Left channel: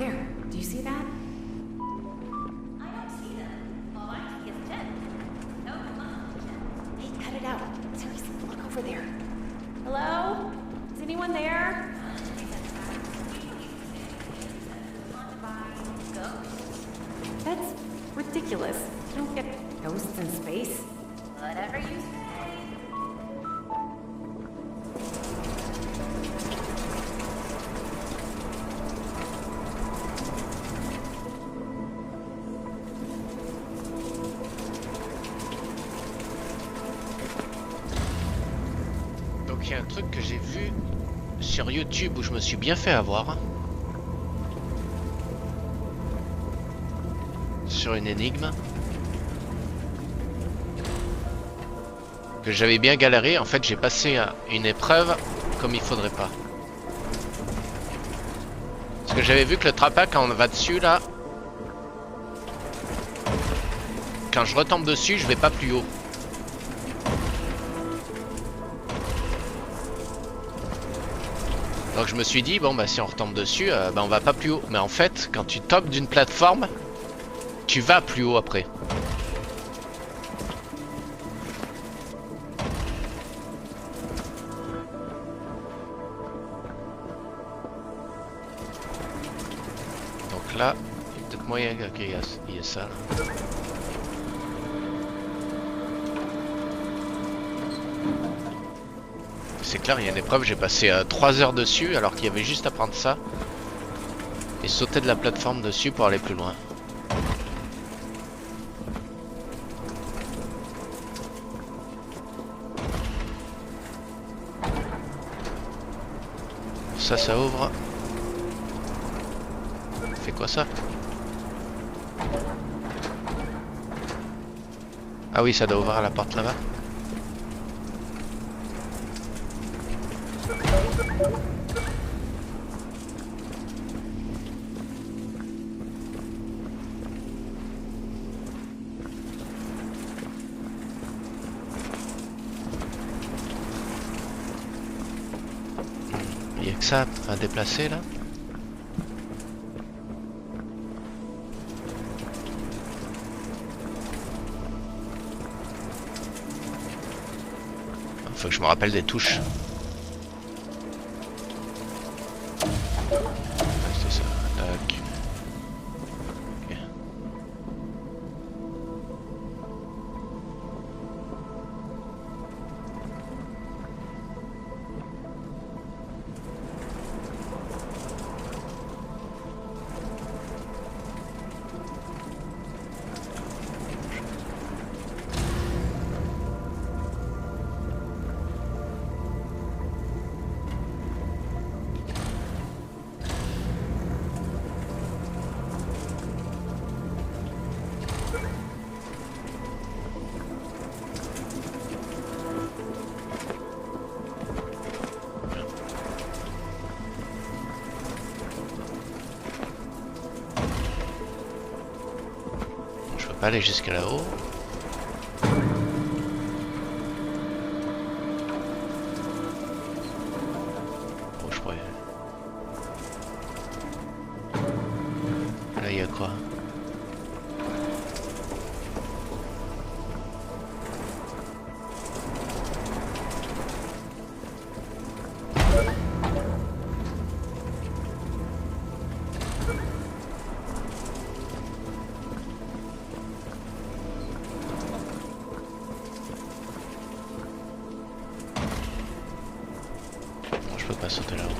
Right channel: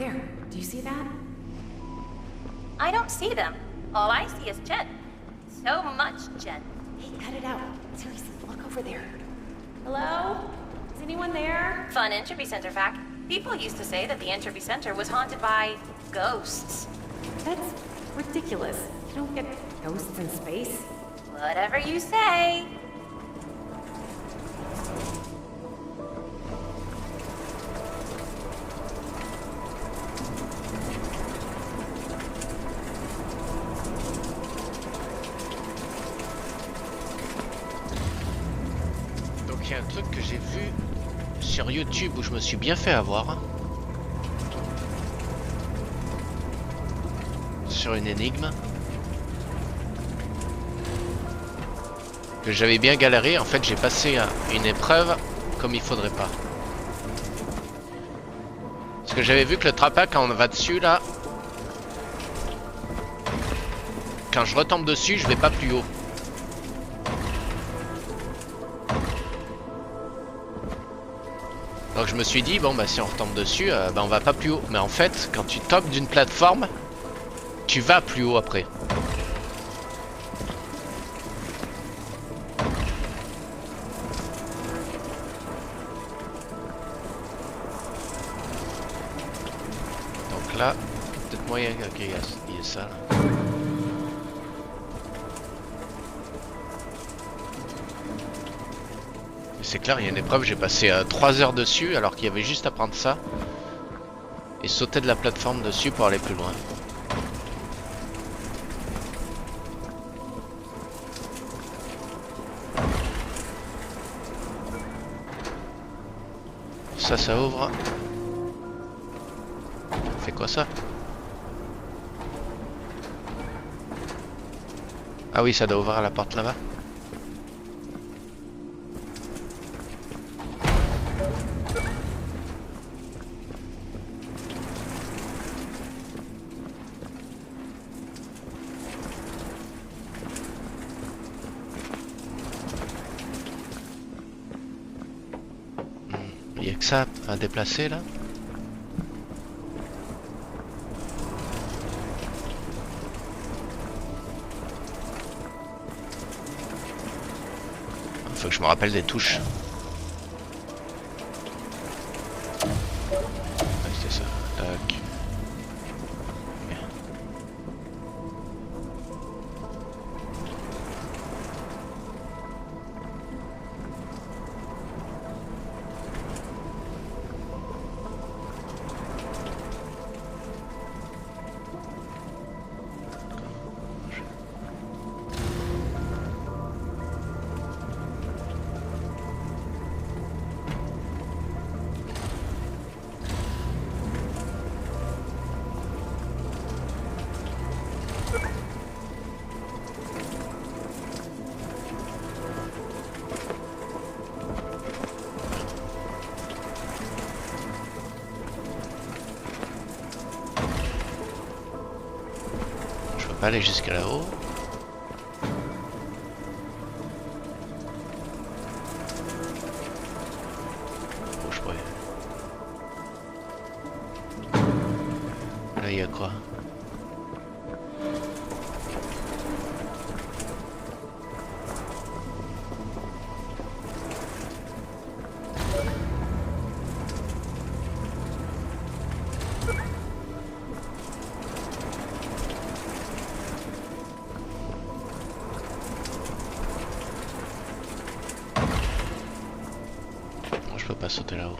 There, do you see that? I don't see them. All I see is Jen. So much Jen. Hey, cut it out. Seriously, look over there. Hello? Is anyone there? Fun Entropy Center fact. People used to say that the Entropy Center was haunted by ghosts. That's ridiculous. You don't get ghosts in space. Whatever you say. Donc il y a un truc que j'ai vu sur YouTube où je me suis bien fait avoir. Sur une énigme. Que j'avais bien galéré. En fait j'ai passé une épreuve comme il faudrait pas. Parce que j'avais vu que le trappa quand on va dessus là. Quand je retombe dessus je vais pas plus haut. Donc je me suis dit bon bah si on retombe dessus bah on va pas plus haut. Mais en fait quand tu tombes d'une plateforme tu vas plus haut après. Donc là peut-être moyen qu'il y ait ça là. C'est clair, il y a une épreuve, j'ai passé 3 heures dessus alors qu'il y avait juste à prendre ça et sauter de la plateforme dessus pour aller plus loin. Ça ouvre. Fait quoi ça? Ah oui, ça doit ouvrir la porte là-bas. Il y a que ça à déplacer là. Faut que je me rappelle des touches. Ouais, c'était ça. Tac. Ok. Je peux pas aller jusqu'à là-haut. Oh, je pourrais. Là, il y a quoi? Bon, je peux pas sauter là-haut.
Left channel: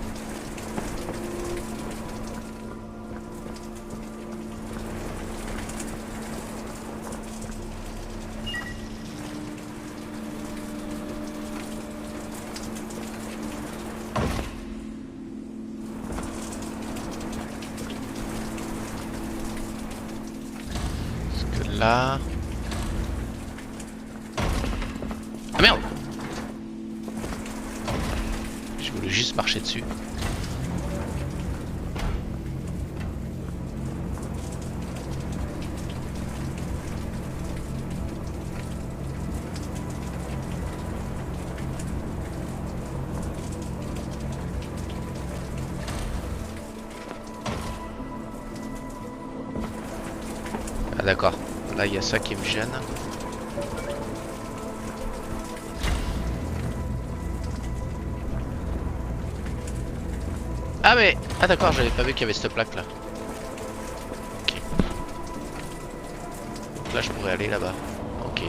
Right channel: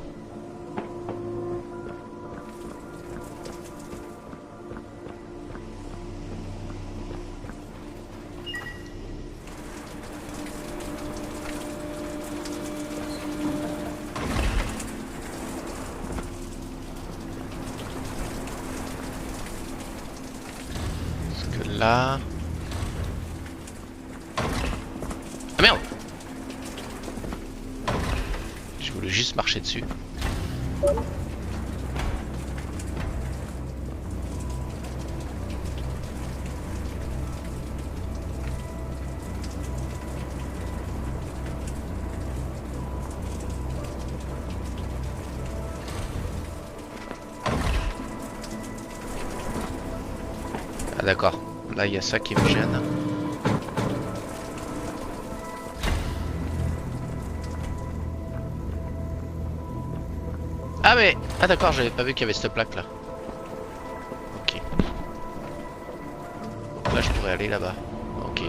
Parce que là... Ah merde! Je voulais juste marcher dessus. d'accord. Là, il y a ça qui me gêne. Ah mais... Ah d'accord, j'avais pas vu qu'il y avait cette plaque là. Ok. Donc là, je pourrais aller là-bas. Ok.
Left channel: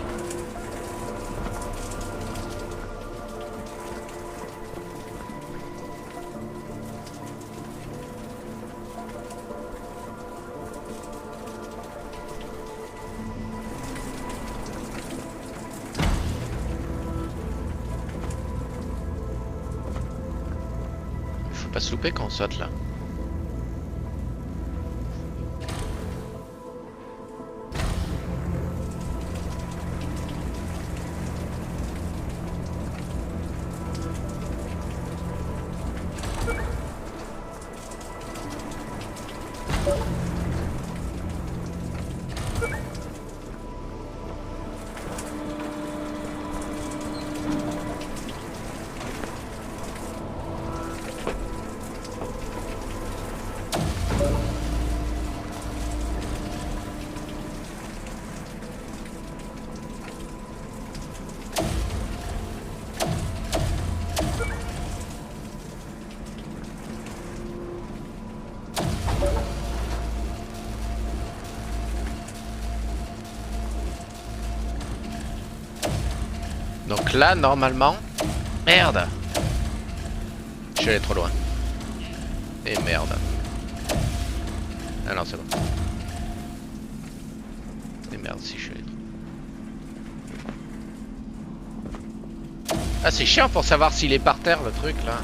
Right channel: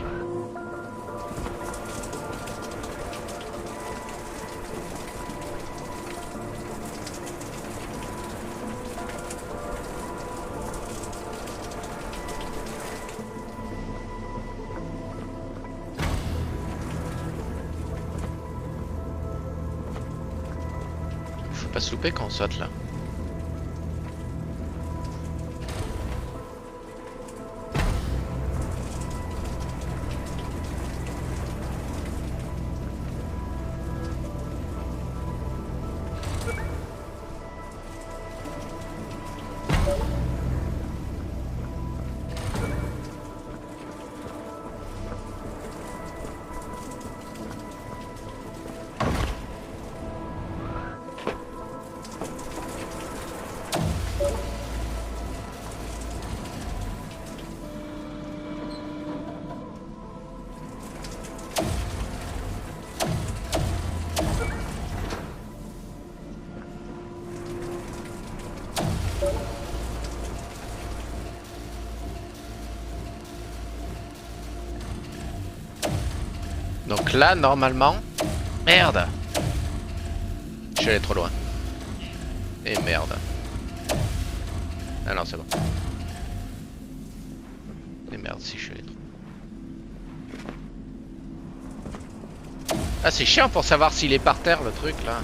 Faut pas se louper quand on saute là. Donc là, normalement... Merde! Je suis allé trop loin. Et merde. Ah non, c'est bon. Et merde, si je suis allé trop... Ah, c'est chiant pour savoir s'il est par terre, le truc, là.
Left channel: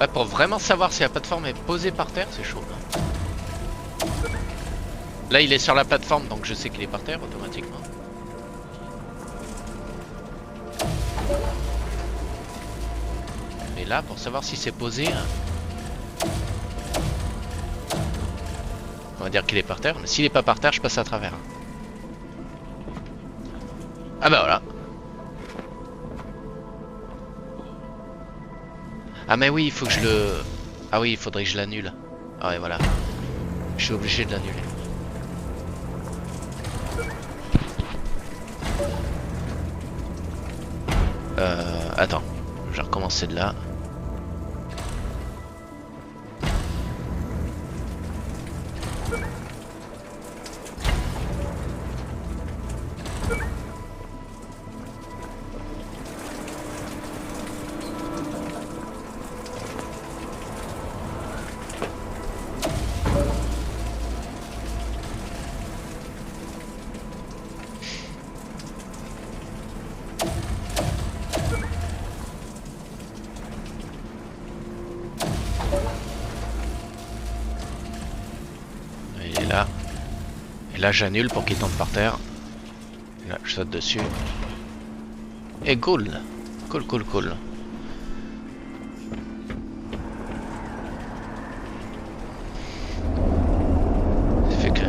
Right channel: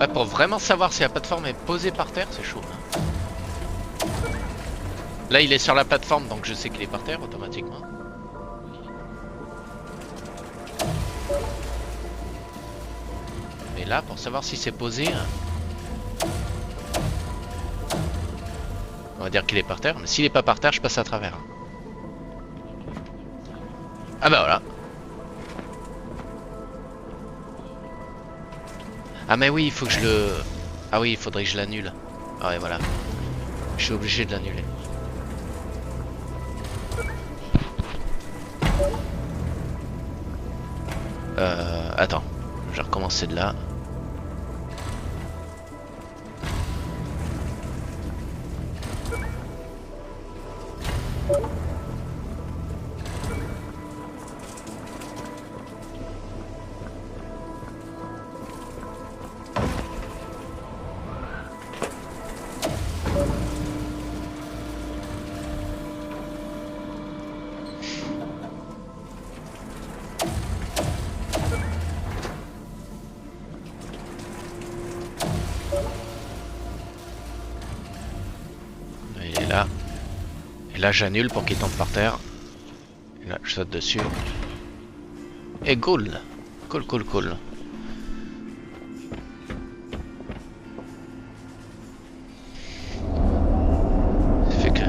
Ouais, pour vraiment savoir si la plateforme est posée par terre, c'est chaud. Hein. Là, il est sur la plateforme, donc je sais qu'il est par terre automatiquement. Et là, pour savoir si c'est posé, on va dire qu'il est par terre. Mais s'il est pas par terre, je passe à travers. Ah bah voilà. Ah mais oui, il faut que je le... Ah oui, il faudrait que je l'annule. Ah ouais, voilà. Je suis obligé de l'annuler. Attends. Je vais recommencer de là. Il est là. Et là, j'annule pour qu'il tombe par terre. Et là, je saute dessus. Et cool. Cool, cool, cool. Ça fait que...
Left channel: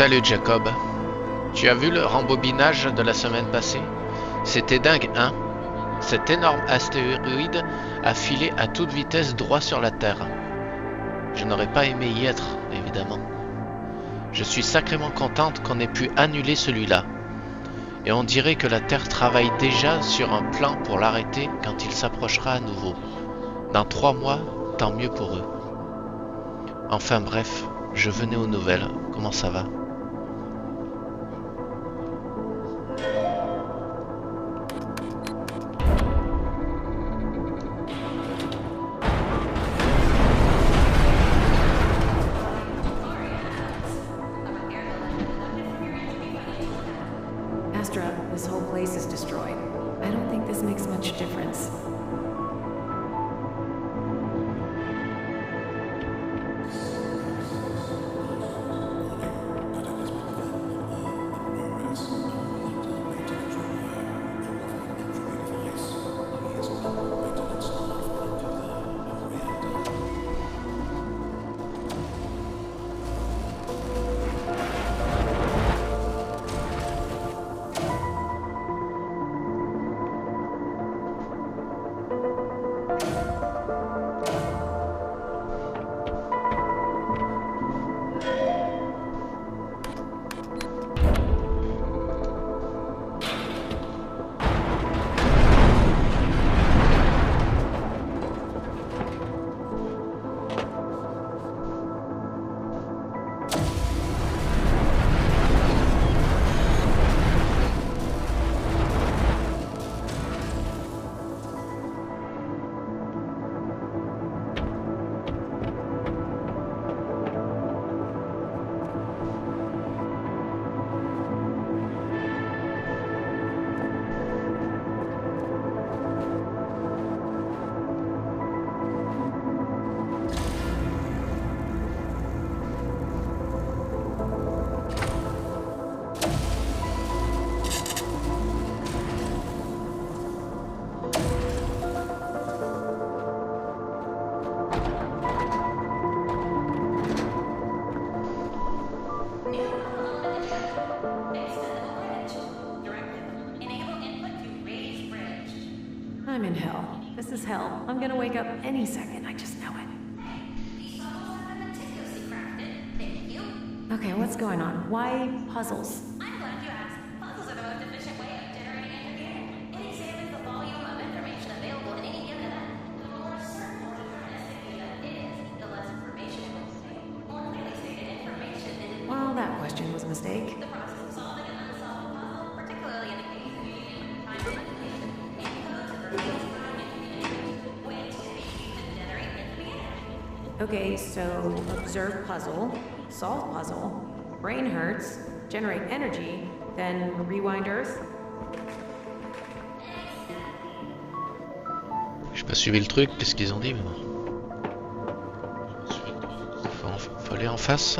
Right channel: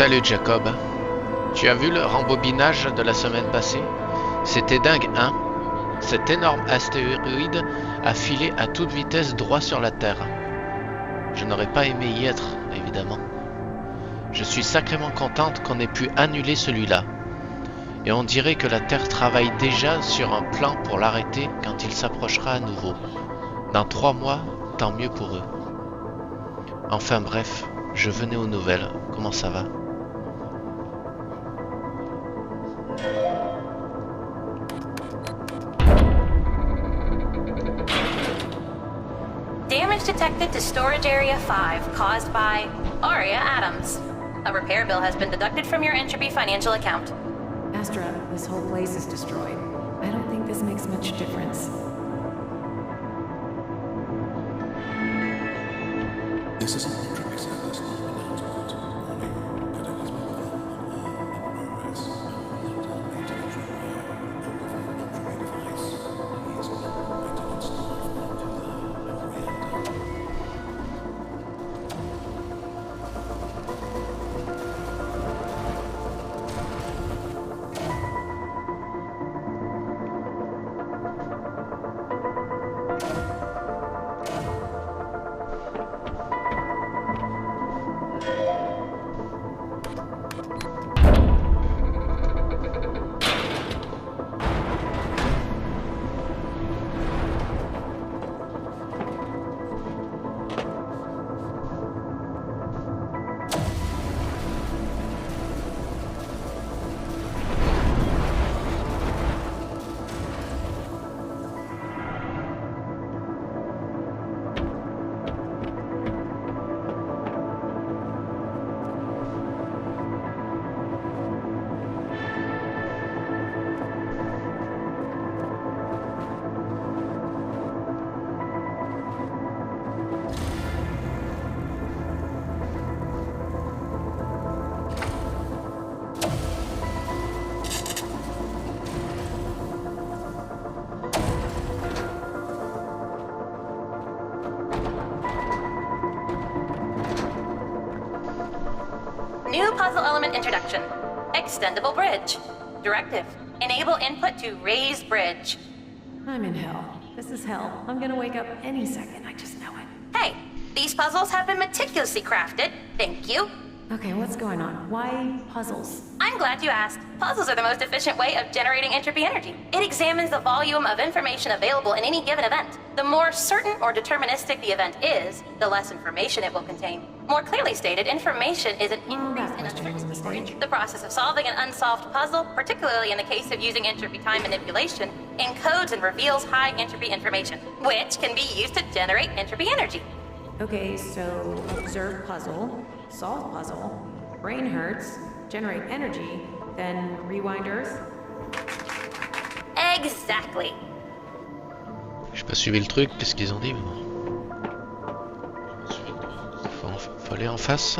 Salut Jacob. Tu as vu le rembobinage de la semaine passée? C'était dingue, hein? Cet énorme astéroïde a filé à toute vitesse droit sur la Terre. Je n'aurais pas aimé y être, évidemment. Je suis sacrément contente qu'on ait pu annuler celui-là. Et on dirait que la Terre travaille déjà sur un plan pour l'arrêter quand il s'approchera à nouveau. Dans 3 mois, tant mieux pour eux. Enfin bref, je venais aux nouvelles. Comment ça va? Damage detected to storage area 5 caused by Aria Adams. A repair bill has been deducted from your Entropy financial account. Astra, this whole place is destroyed. I don't think this makes much difference. This is an electronic service. Warning. Cataclysmic event on Earth in progress. Maintenance required. Entropy device. Please allow maintenance staff into the reactor. New puzzle element introduction. Extendable bridge. Directive. Enable input to raise bridge. I'm in hell. This is hell. I'm gonna wake up any second, I just know it. Hey, these puzzles have been meticulously crafted. Thank you. Okay, what's going on? Why puzzles? I'm glad you asked. Puzzles are the most efficient way of generating entropy energy. It examines the volume of information available in any given event. The more certain or deterministic the event is, the less information it will contain. More clearly stated, information is an Well, that increase in question was a mistake. The process of solving an unsolved puzzle, particularly in the case of using entropy time manipulation, encodes and reveals high entropy information, which can be used to generate entropy energy. Okay, so observe puzzle, solve puzzle, brain hurts, generate energy, then rewind Earth? Exactly. J'ai pas suivi le truc, qu'est-ce qu'ils ont dit, mais bon. Faut aller en face.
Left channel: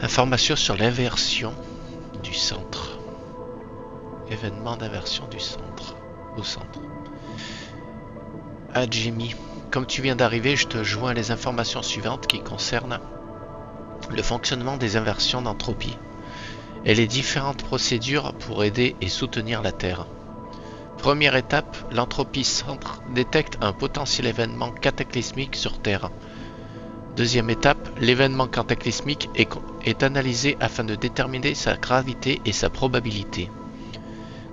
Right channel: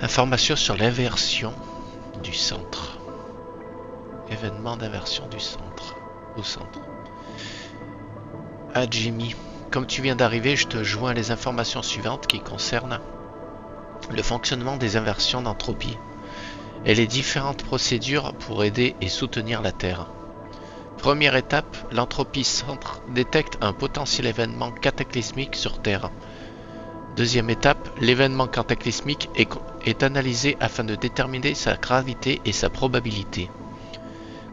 Information sur l'inversion du centre. Événement d'inversion du centre. Au centre. Ah Jimmy, comme tu viens d'arriver, je te joins les informations suivantes qui concernent le fonctionnement des inversions d'entropie et les différentes procédures pour aider et soutenir la Terre. Première étape, l'entropie centre détecte un potentiel événement cataclysmique sur Terre. Deuxième étape, l'événement cataclysmique est analysé afin de déterminer sa gravité et sa probabilité.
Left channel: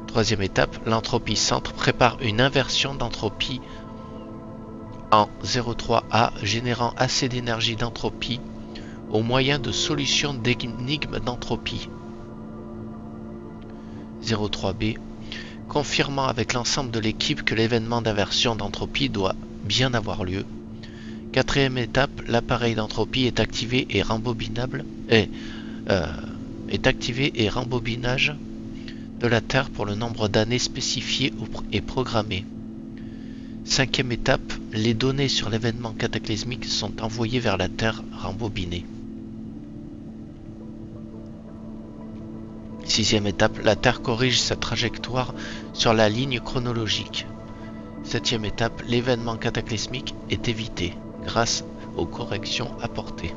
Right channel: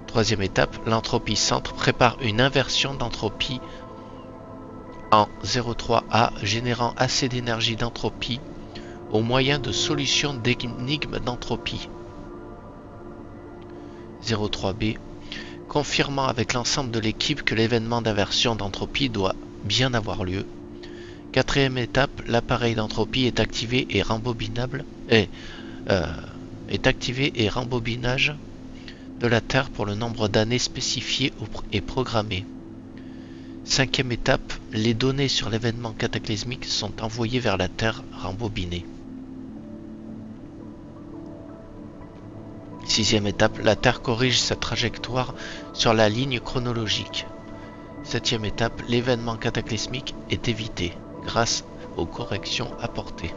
Troisième étape, l'entropie centre prépare une inversion d'entropie en 0,3A générant assez d'énergie d'entropie au moyen de solutions d'énigmes d'entropie. 0,3B, confirmant avec l'ensemble de l'équipe que l'événement d'inversion d'entropie doit bien avoir lieu. Quatrième étape, l'appareil d'entropie est activé et rembobinable est activé et rembobinage de la Terre pour le nombre d'années spécifié et programmé. 5e étape, les données sur l'événement cataclysmique sont envoyées vers la Terre rembobinées. 6e étape, la Terre corrige sa trajectoire sur la ligne chronologique. 7e étape, l'événement cataclysmique est évité grâce aux corrections apportées.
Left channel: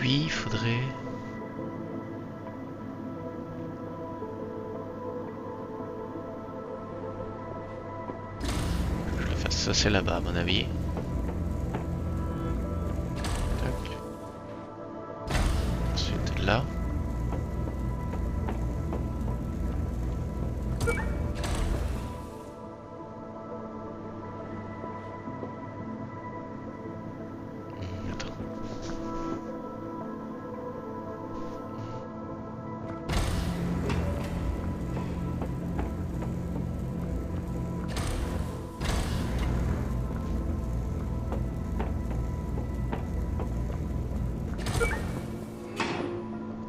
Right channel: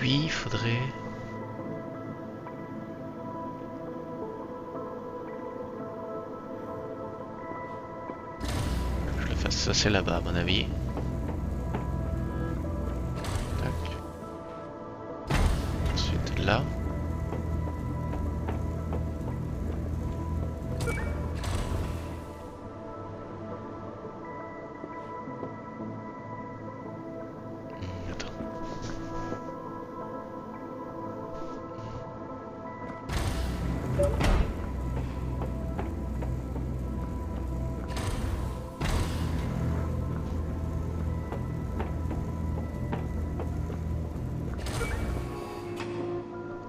Lui, il faudrait... que je le fasse. Ça, c'est là-bas, à mon avis. Tac. Ensuite, là. Attends.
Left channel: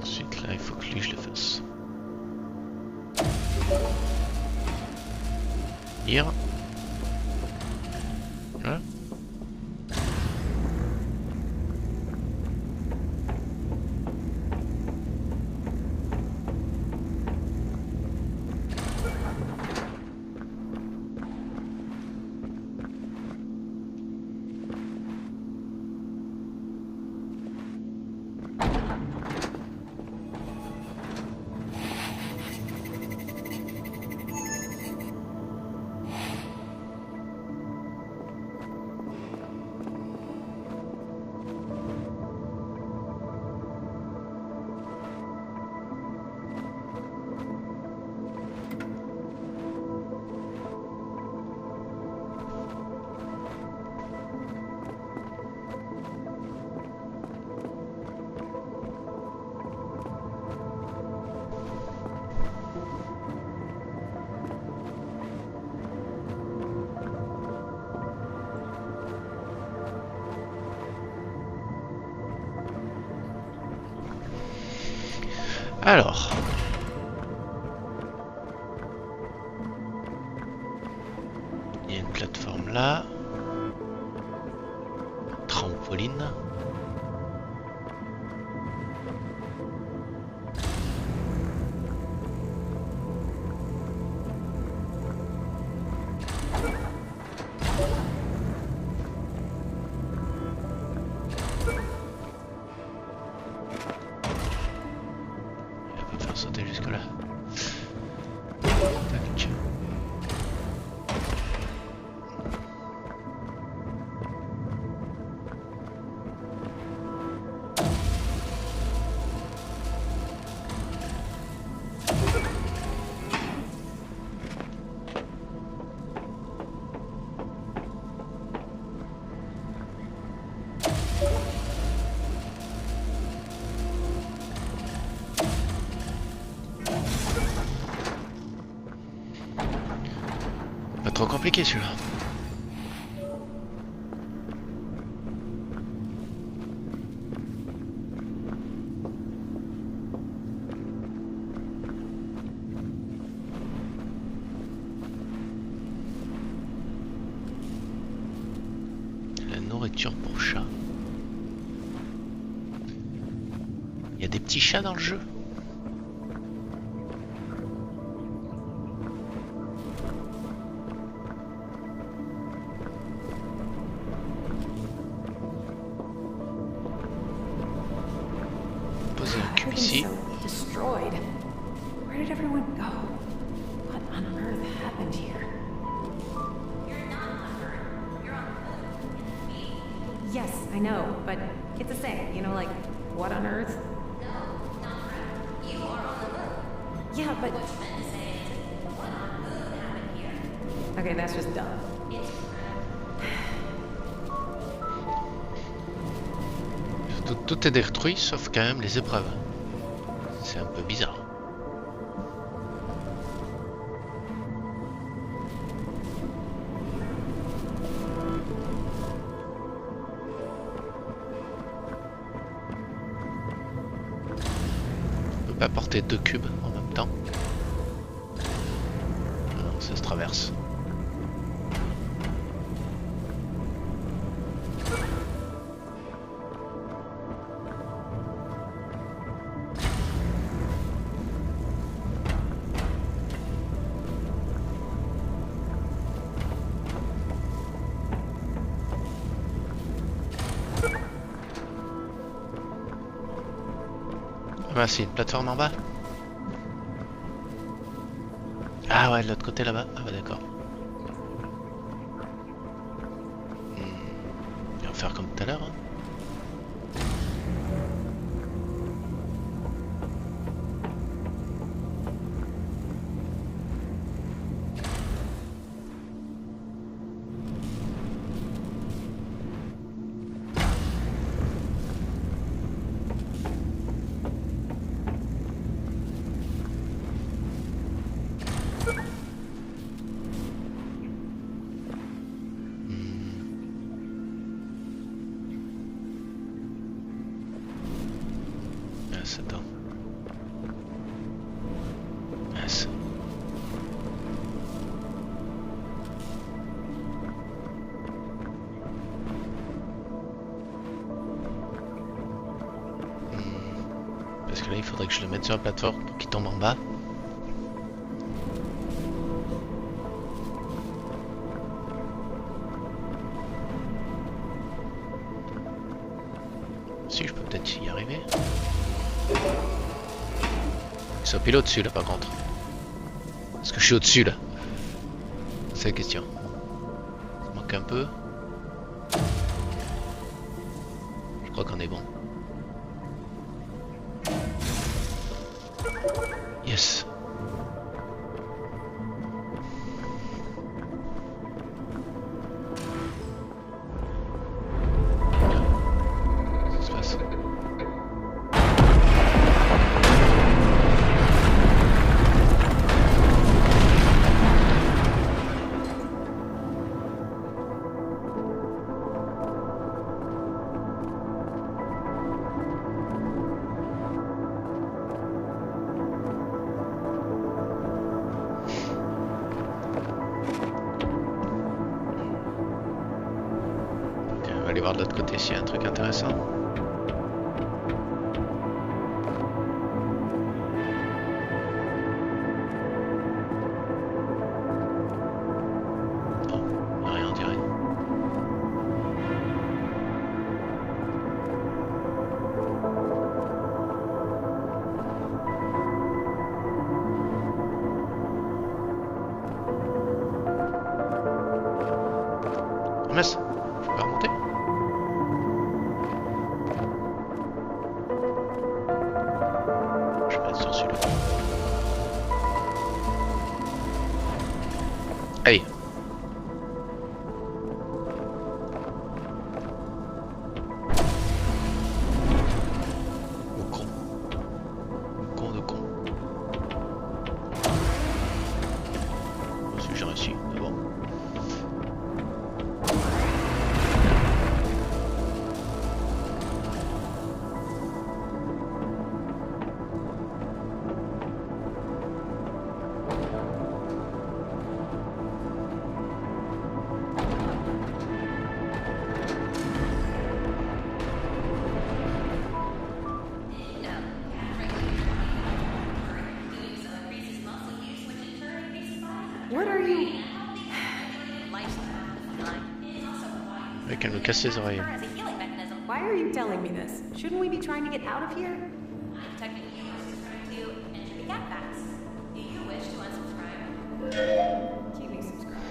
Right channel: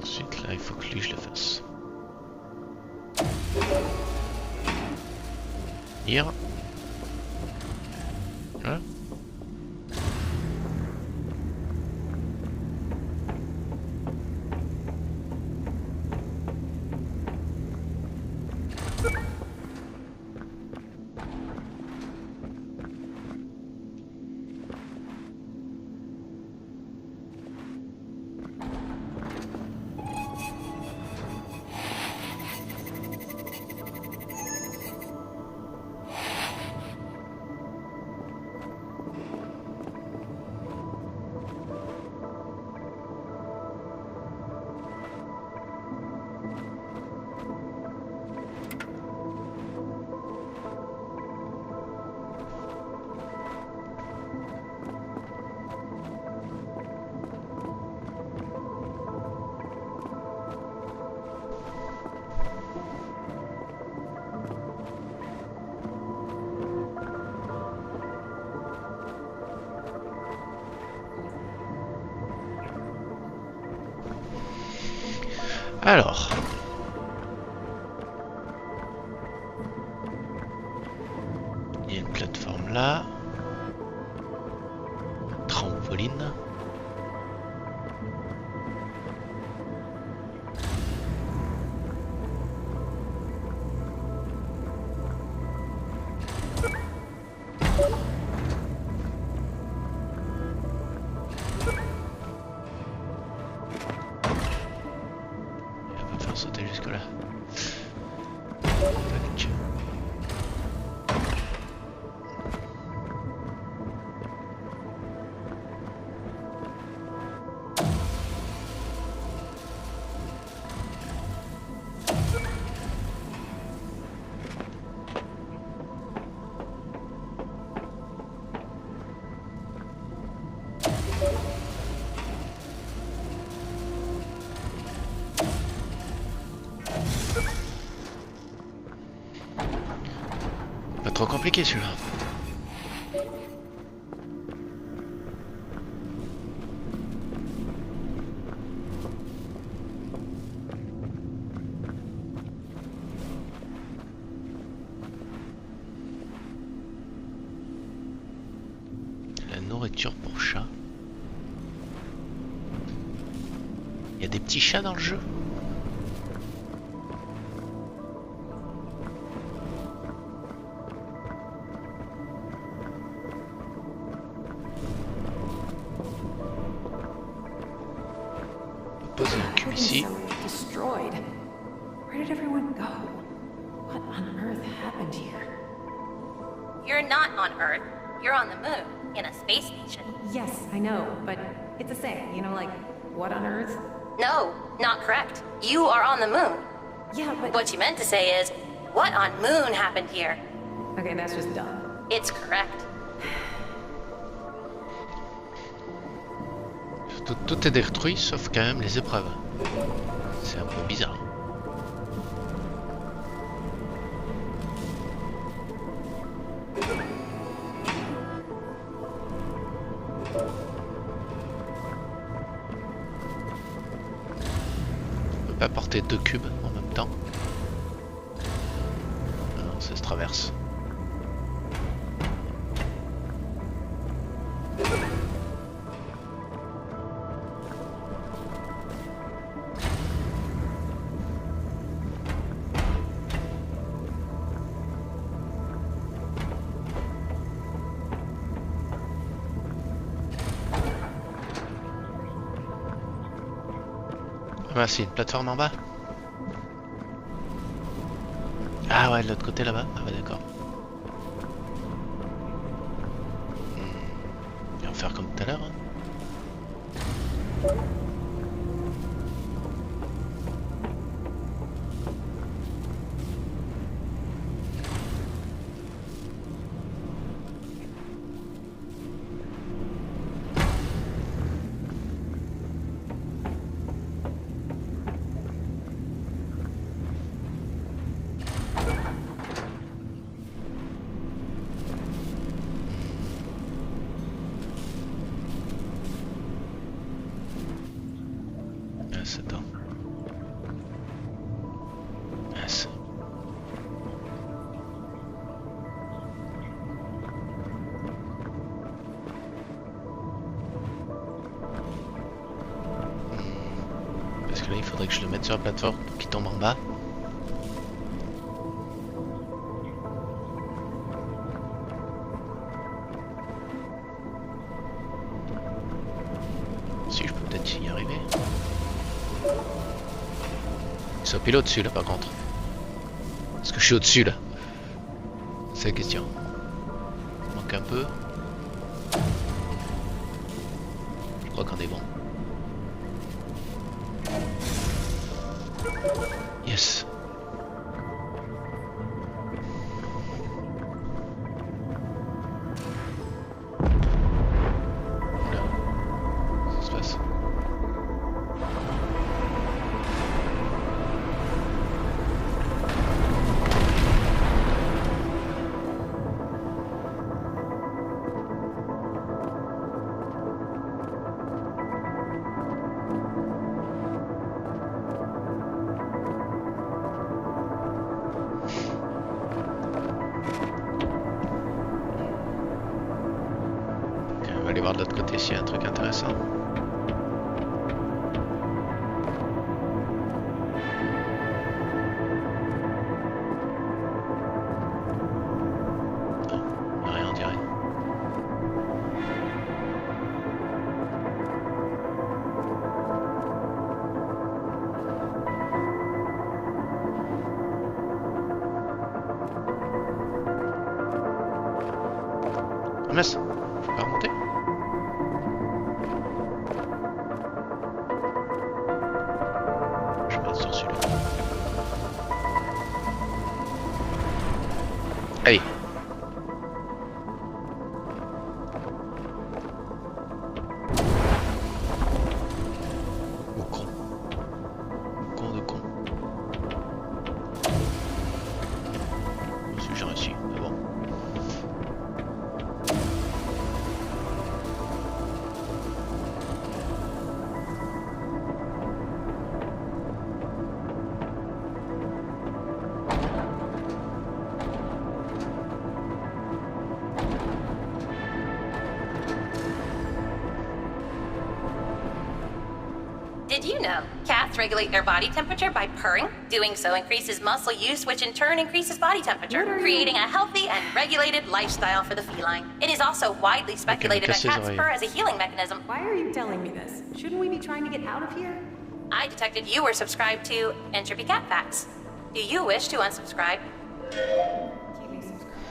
Ensuite, là, il faut que lui, je le fasse. Lire. Voilà. Alors. Il y a une plateforme là. Trampoline. Sauter jusque là. Tac. Pas trop compliqué celui-là. La nourriture pour chat. Il y a des petits chats dans le jeu. Poser un cube ici. Everything's so destroyed. Where did everyone go? What on earth happened here? You're not on Earth. You're on the moon, in a space station. Yes, I know, but it's a saying, you know, like, what on Earth? No, not correct. You are on the moon. Yeah, but... What you meant to say is, what on moon happened here? Okay, that's just dumb. It's correct. Tout est détruit sauf quand même les épreuves. C'est un peu bizarre. On peut pas porter 2 cubes en même temps. Non, ça se traverse. Ah, c'est une plateforme en bas. Ah ouais, de l'autre côté là-bas. Ah ouais, d'accord. On va faire comme tout à l'heure. Hein. Attends. Mince. Parce que là il faudrait que je le mette sur la plateforme pour qu'il tombe en bas. Si je peux peut-être y arriver. Ils sont pile au-dessus là par contre. Est-ce que je suis au-dessus là? C'est la question. Ça manque un peu. Je crois qu'on est bon. Yes. Qu'est-ce qui se passe? On va aller voir de l'autre côté s'il y a un truc intéressant. Non, il n'y a rien on dirait. Ah mince, je peux pas remonter? Je vais être sur celui-là. Allez. Oh con. Con de con. Moi aussi j'ai réussi, mais bon. Did you know cats regulate their body temperature by purring? Doing so increases muscle use, which in turn increases body temperature, What are you- creating a healthy and regulated lifestyle for the feline. It is also widely speculated that casser les cats oreilles. purr as a healing mechanism. Why are you telling me this? Shouldn't we be trying to get out of here? I detected you were subscribed to Entropy Cat Facts. Do you wish to unsubscribe? Keep me subscribed.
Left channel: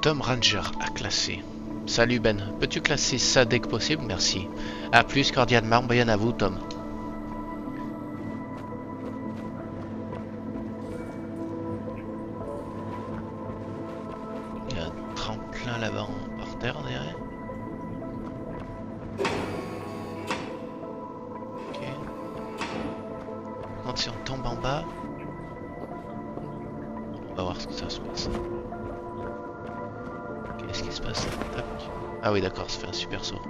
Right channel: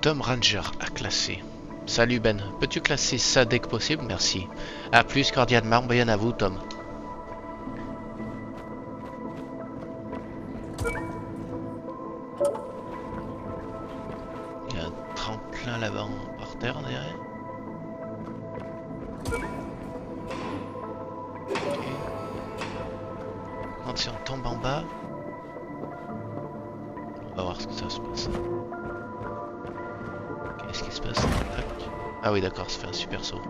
Tom Ranger à classer. Salut Ben. Peux-tu classer ça dès que possible? Merci. A plus cordialement. Bien à vous, Tom. Il y a un tremplin là-bas par terre derrière. Ok. Quand si on tombe en bas, on va voir ce que ça se passe. Qu'est-ce qui se passe? Tac. Ah oui d'accord, ça fait un super saut.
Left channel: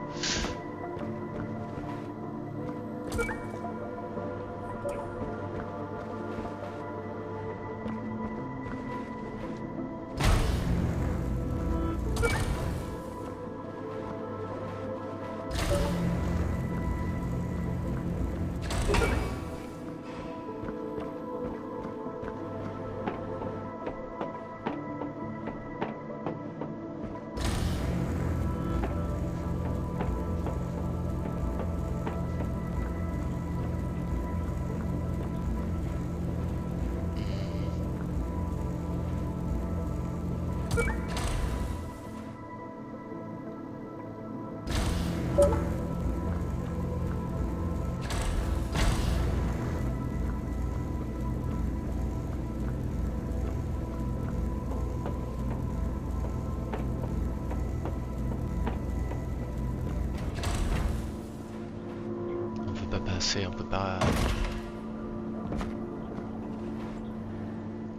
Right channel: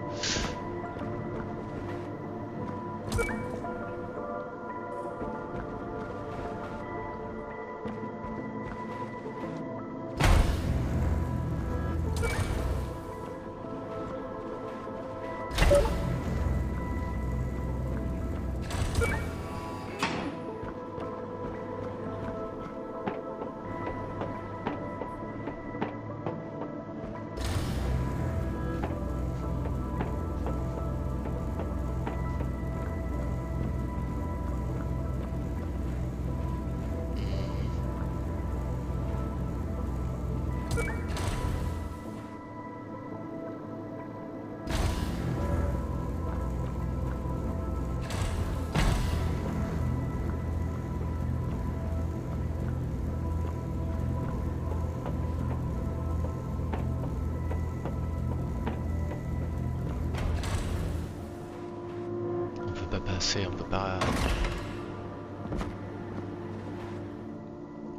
On peut pas.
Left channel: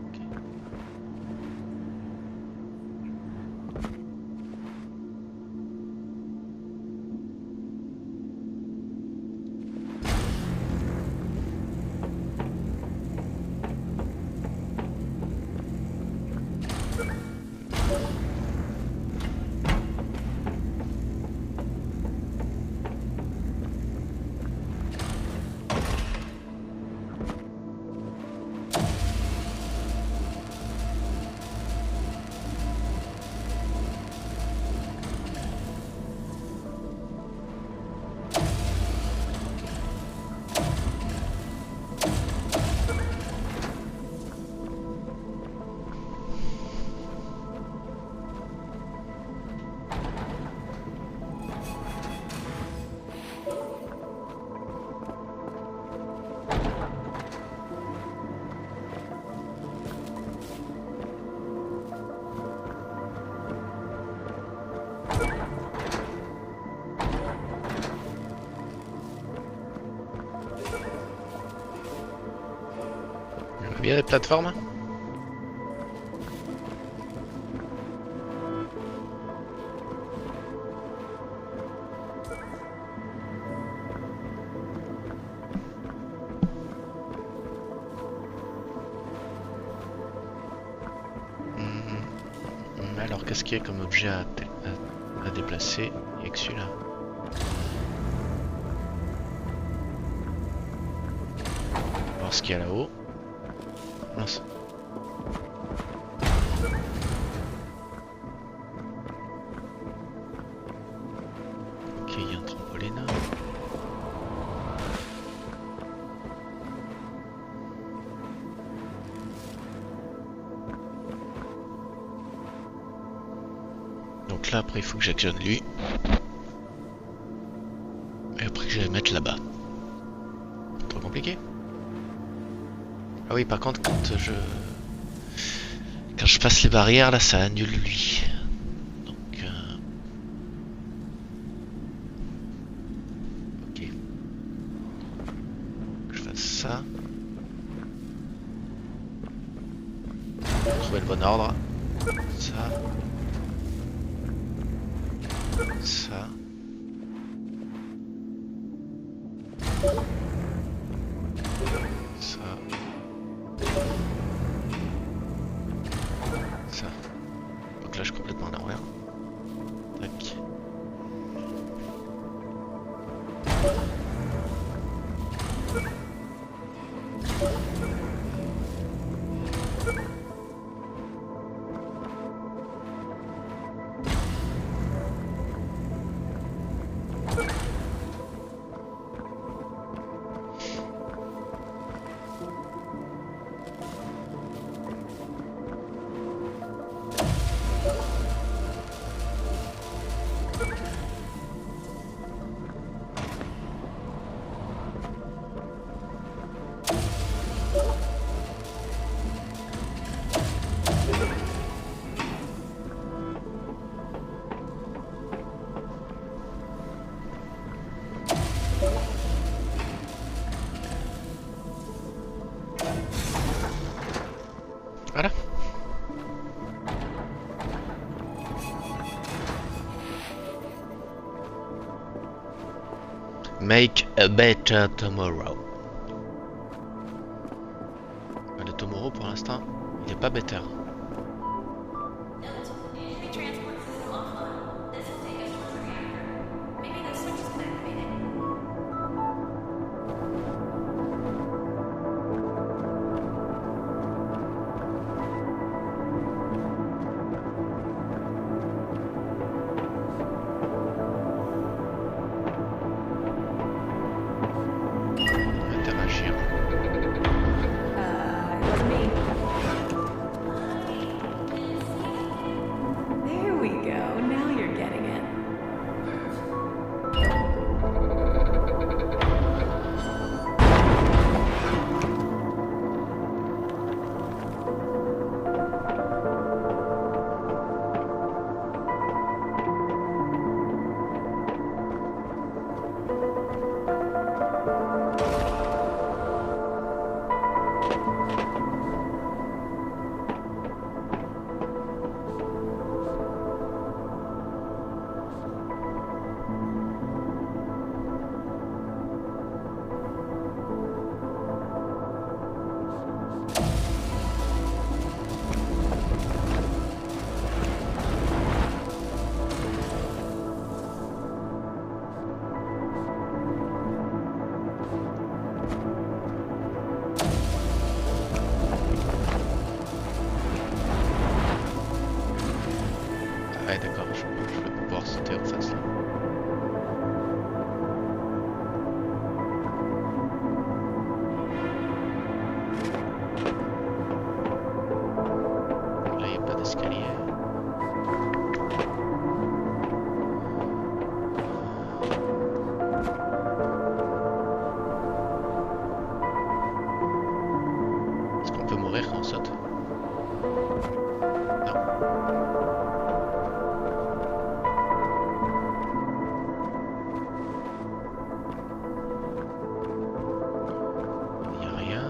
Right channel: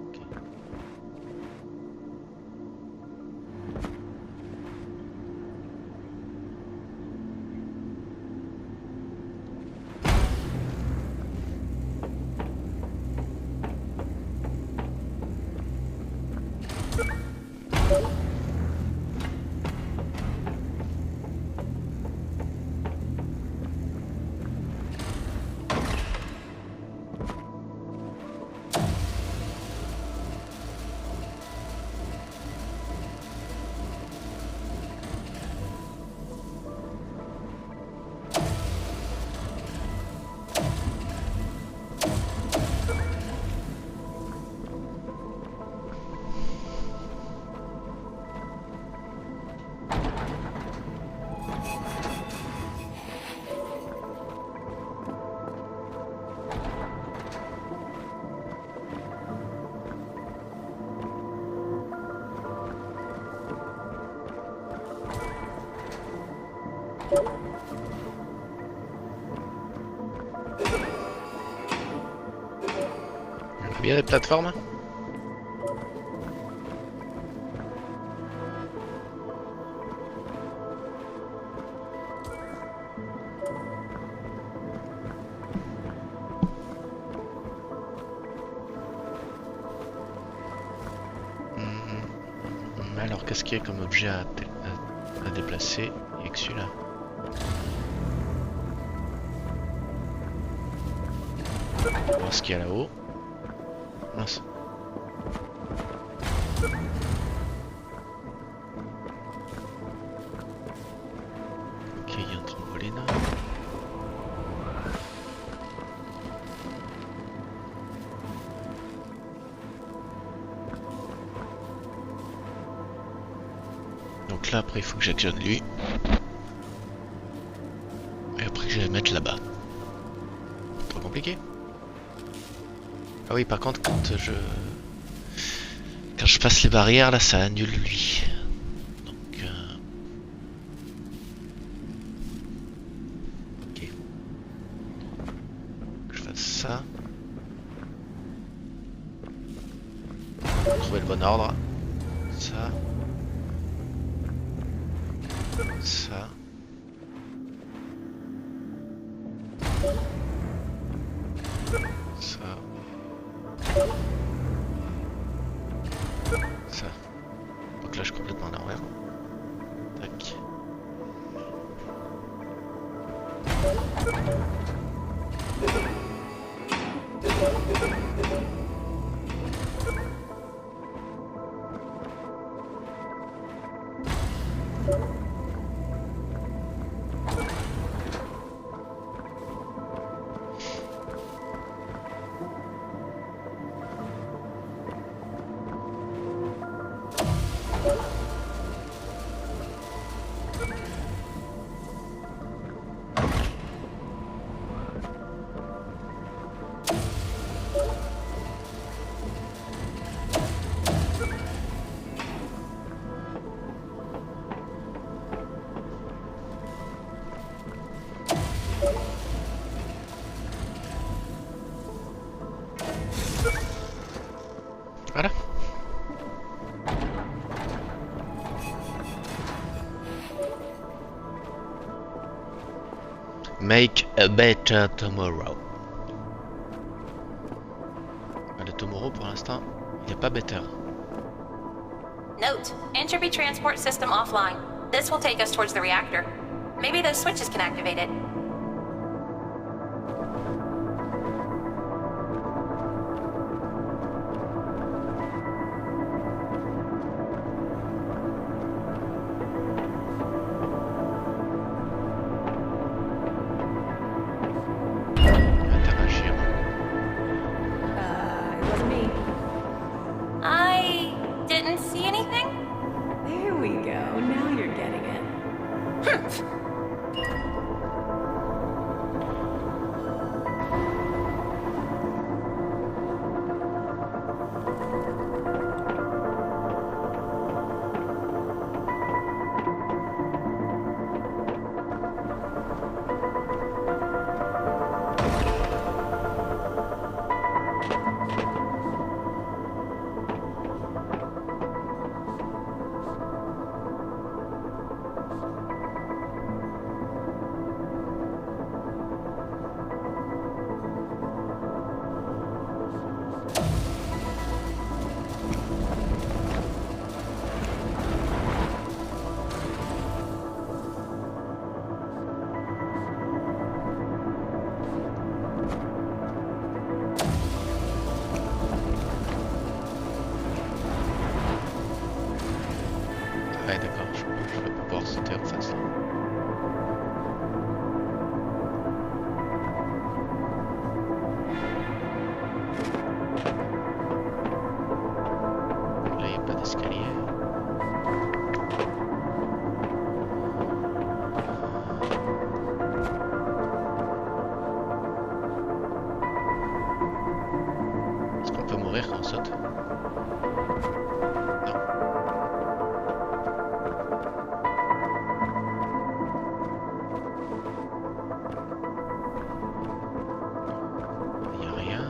Ok. Bien les plateformes. Alors qu'est-ce qu'il y a comme objet à déplacer? Il n'y a que celui-là. On va voir ce qu'il y a là-haut. Mince. Ok, il y a un trampoline. Donc là après il faut que j'actionne lui. Et après je vais mettre là-bas. Trop compliqué. Ah oui par contre quand je passe les barrières là ça annule lui. Donc ok. Que je fasse ça. Trouver le bon ordre. Ça. Ça. Ça. Ça. Donc là je suis complètement en arrière. Tac. Make a better tomorrow. Le tomorrow pour l'instant, il n'est pas better. Note, entropy transport system offline. This will take us towards the reactor. Maybe those switches can activate it. Interagir. It wasn't me. I didn't see anything. There we go. Now you're getting it. Ouais, d'accord, je vais pas pouvoir sauter en face là. Là, il n'y a pas d'escalier. Est-ce qu'on peut mourir quand on saute? Non. Il n'y a rien.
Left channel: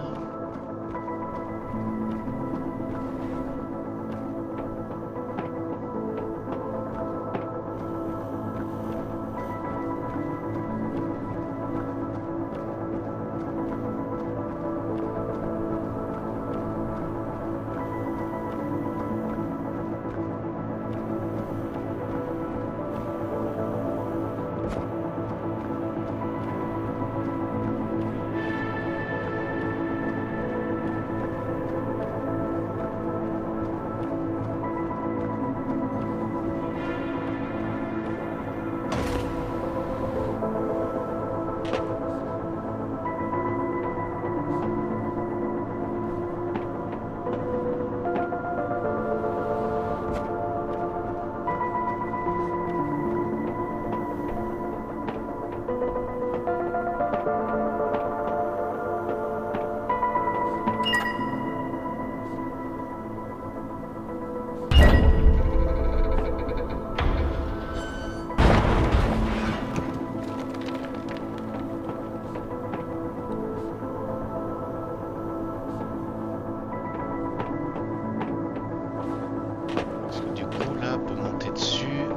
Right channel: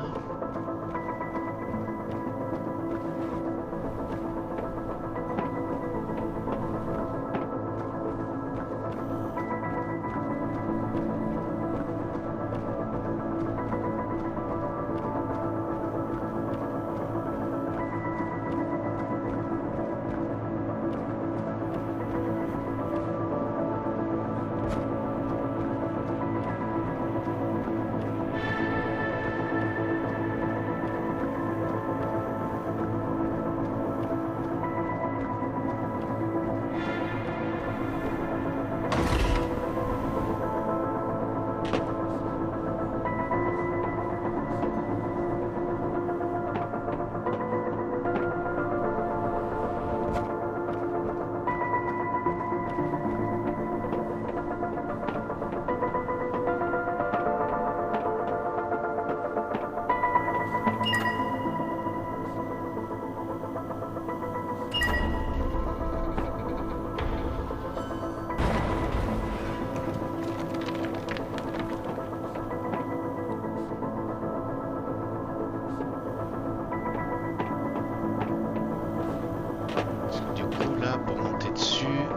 Parce que du coup là, pour monter dessus,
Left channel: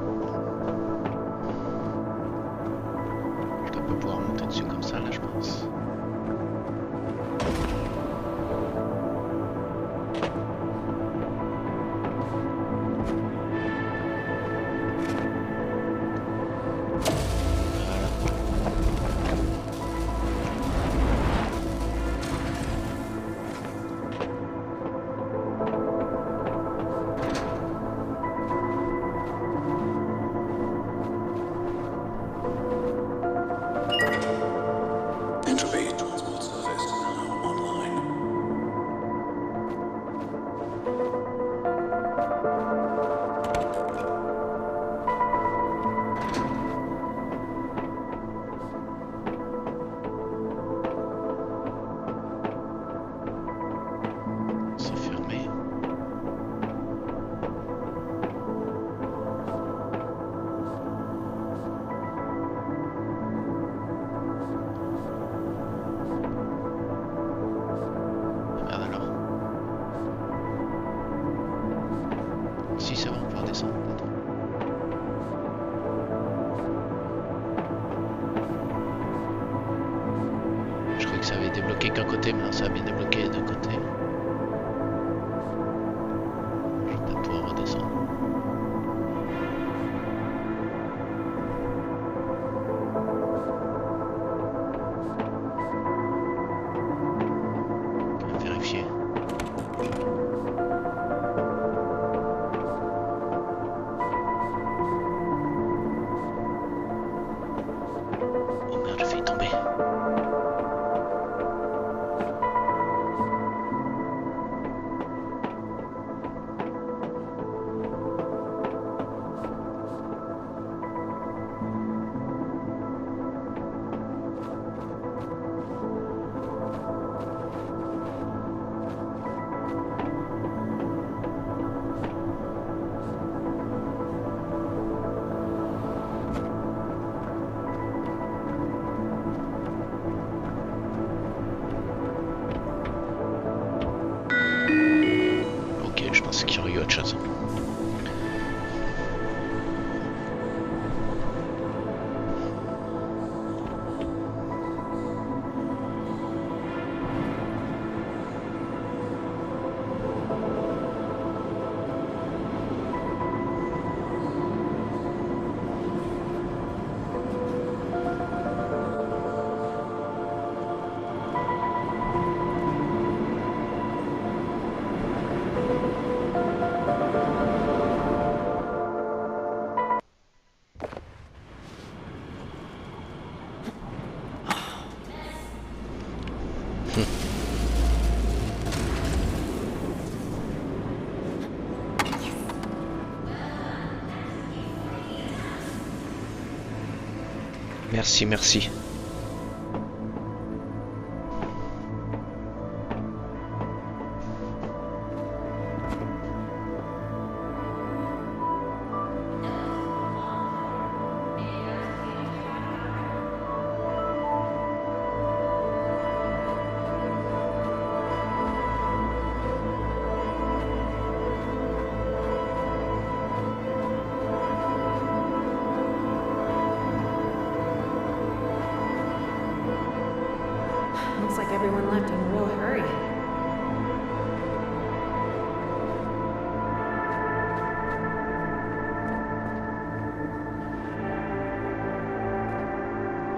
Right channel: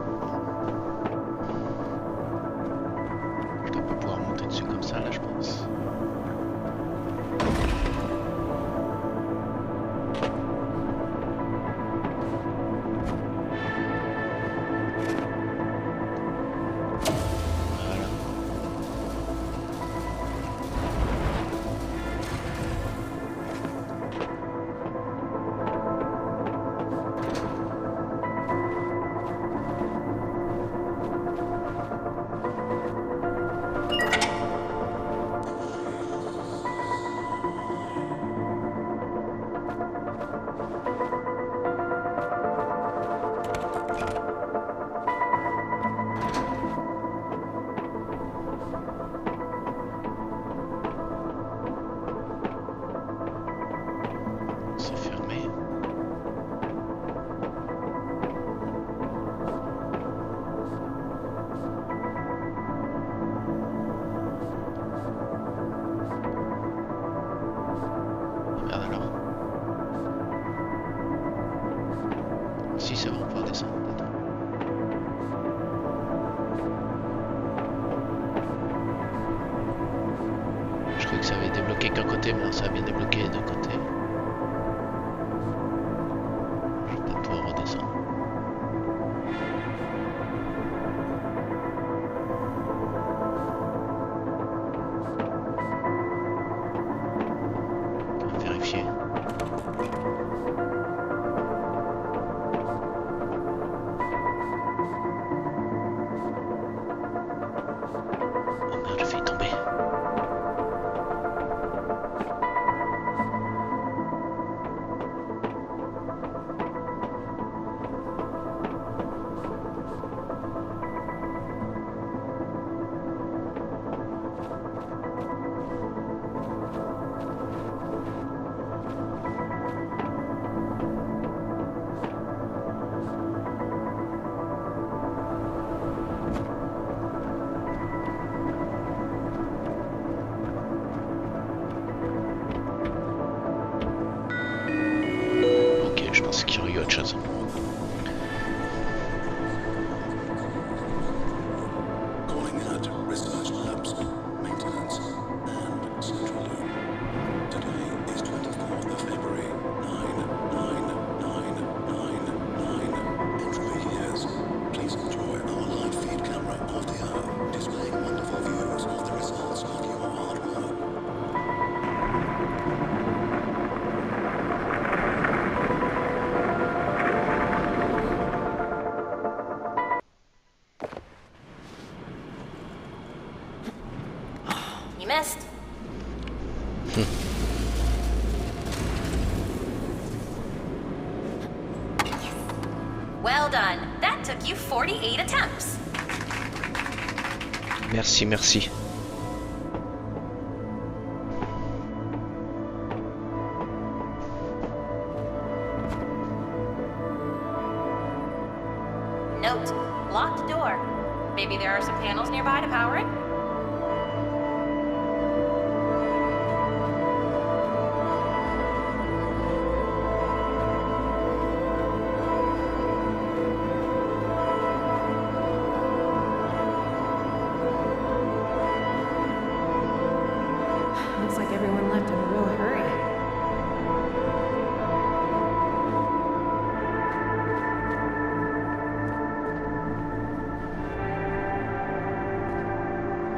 je dois pas pouvoir monter dessus comme ça là, je pense. Voilà. Entropy transport surface online. C'est fermé. Merde alors. Si, c'est bon, on va pouvoir descendre peut-être. que ça avait débloqué qu'un côté, mais non, ça a bien débloqué les deux côtés. Je vais peut-être pouvoir redescendre. On va vérifier. Oh merde, j'ai failli tomber. Ok, je pensais qu'il y aurait eu autre chose. Calling at research labs, maintenance, and central lab. Today is 24th of February, 99999. In 3 years, please enjoy our live feed camera of the Earth, displaying wonderful views of the results of your hard work. You missed. Yes. Well done. That took you 48 attempts. Merci, merci. Note, locked door. Maybe there are some panels nearby to power it? Looks like everyone left in a real hurry.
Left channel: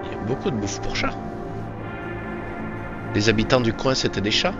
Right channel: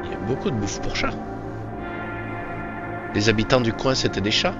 Il y a beaucoup de bouffe pour chats. Les habitants du coin, c'était des chats.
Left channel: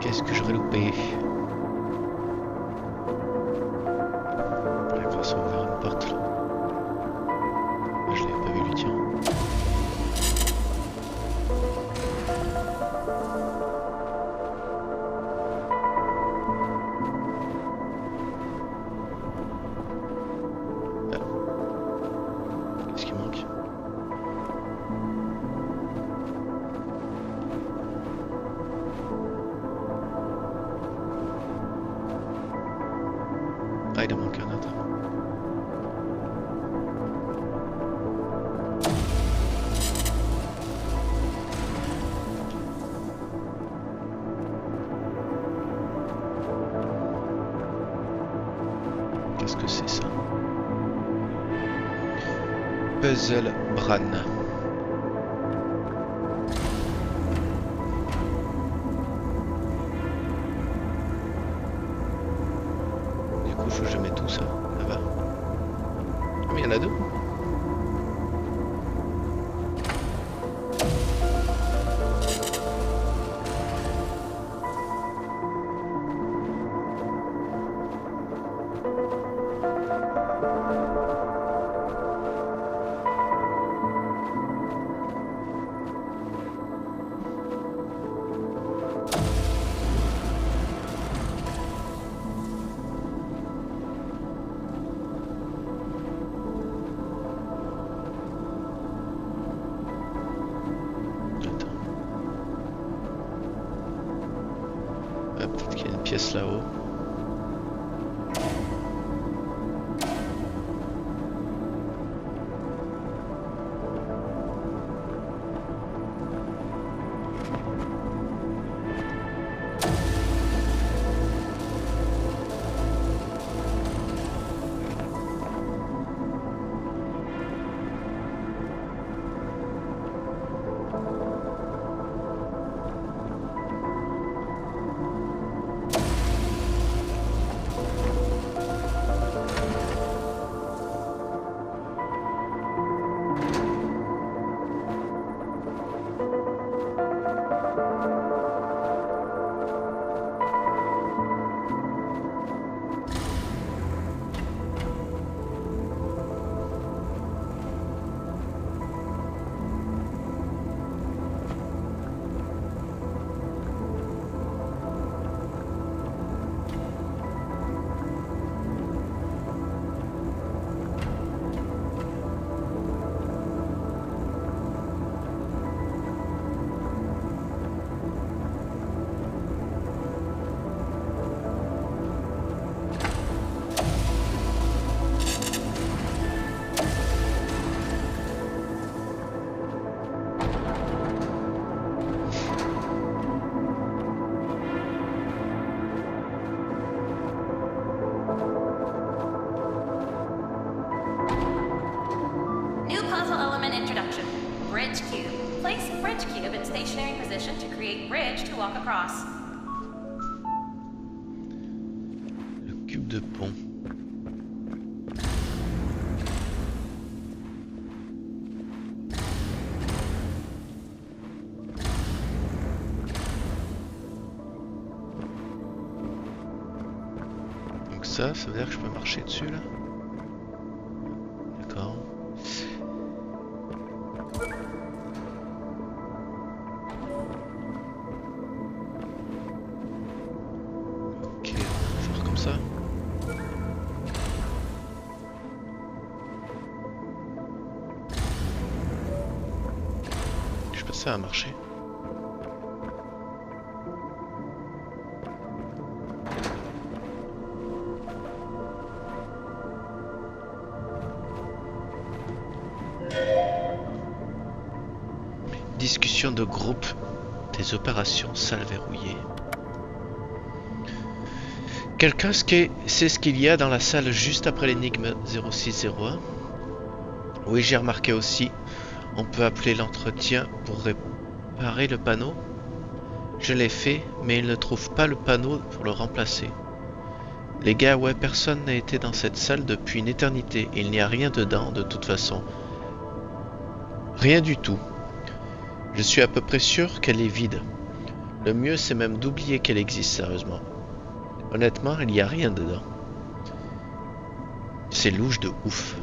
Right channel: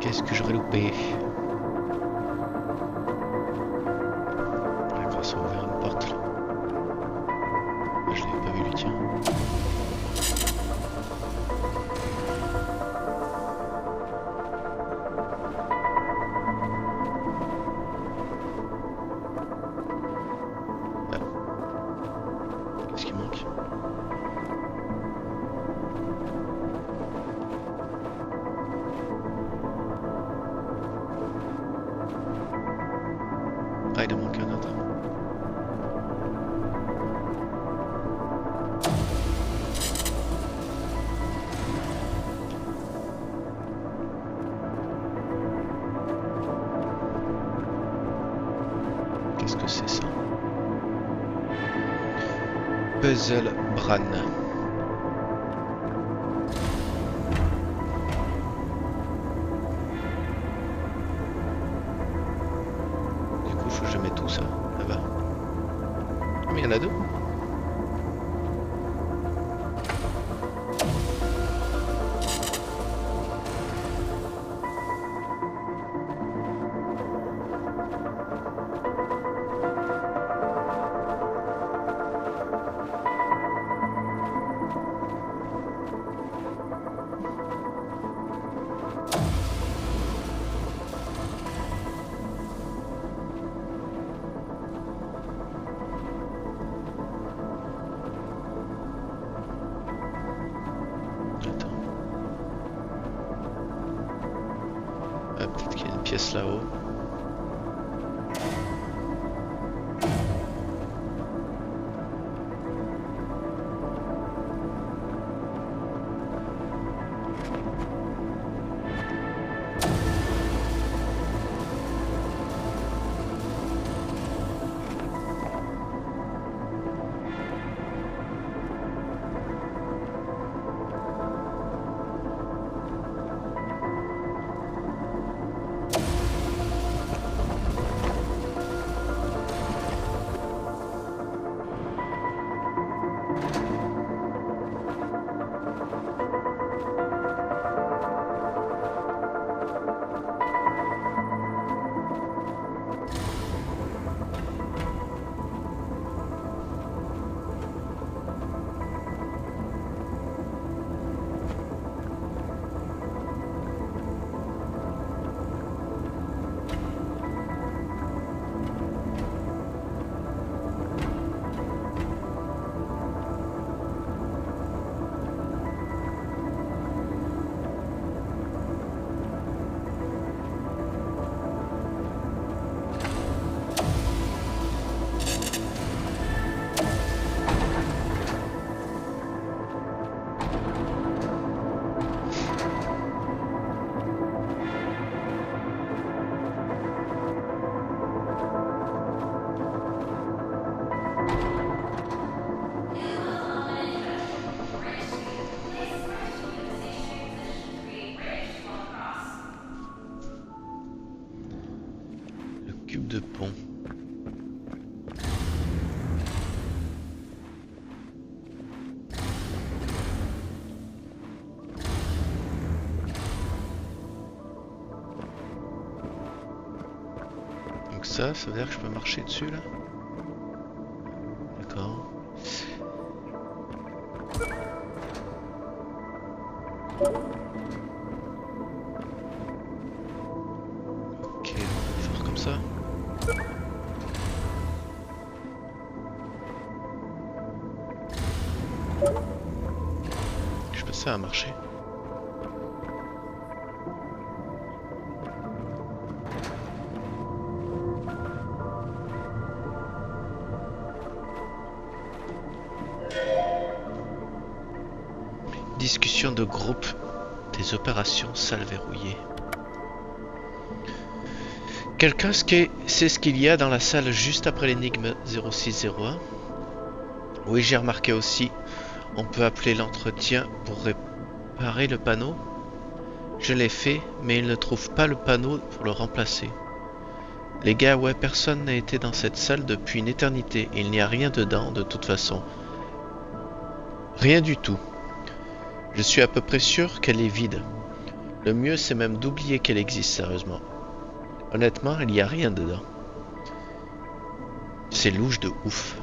Qu'est-ce que j'aurais loupé? La grâce a ouvert une porte là. Je l'avais pas vu lui, tiens. Ah. Qu'est-ce qui manque? Ah, il en manque un autre. Qu'est-ce que c'est ça? Puzzle Bran. Du coup, faut que je mette tout ça là-bas. Ah, mais il y en a deux. Peut-être qu'il y a une pièce là-haut. New puzzle element introduction. Bridge cube. Place bridge cube in stationary position to create bridge to walk across. Le cube de pont. Donc ça veut dire que je peux marcher dessus là? D'accord. Ok, on va faire comme ça. Je sais pas si ça va marcher. Discussion de groupe des opérations salle verrouillée. Quelqu'un sait ce qu'il y a dans la salle juste après l'énigme 0601? Oui, j'ai remarqué aussi. On peut appeler l'entretien pour réparer le panneau. Je l'ai fait, mais il ne trouve pas le panneau pour le remplacer. Les gars, ouais, personne n'a été dans cette salle depuis une éternité. Il n'y a rien dedans, de toute façon. Rien du tout. Je suis à peu près sûr qu'elle est vide. Le mieux, c'est même d'oublier qu'elle existe, sérieusement. Honnêtement, il n'y a rien dedans. C'est louche de ouf.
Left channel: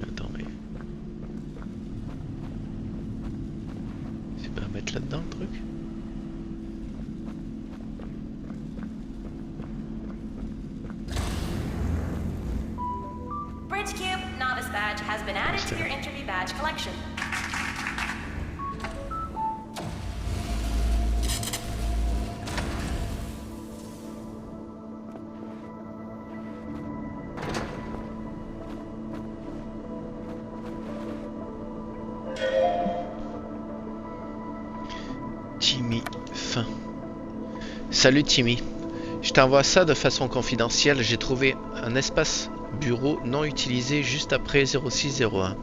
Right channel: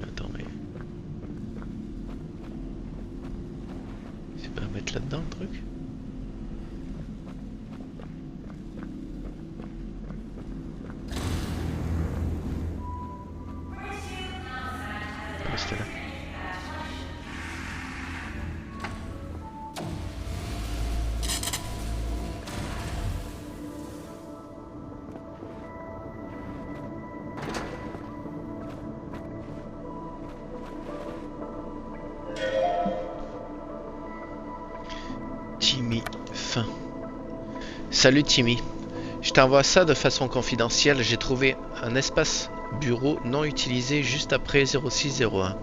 Attends, mais... c'est pas à mettre là-dedans le truc? Bridge cube novice badge has been added to your interview badge collection. Timmy, fin. Salut Timmy. Je t'envoie ça de façon confidentielle. J'ai trouvé un espace bureau non utilisé juste après 0601.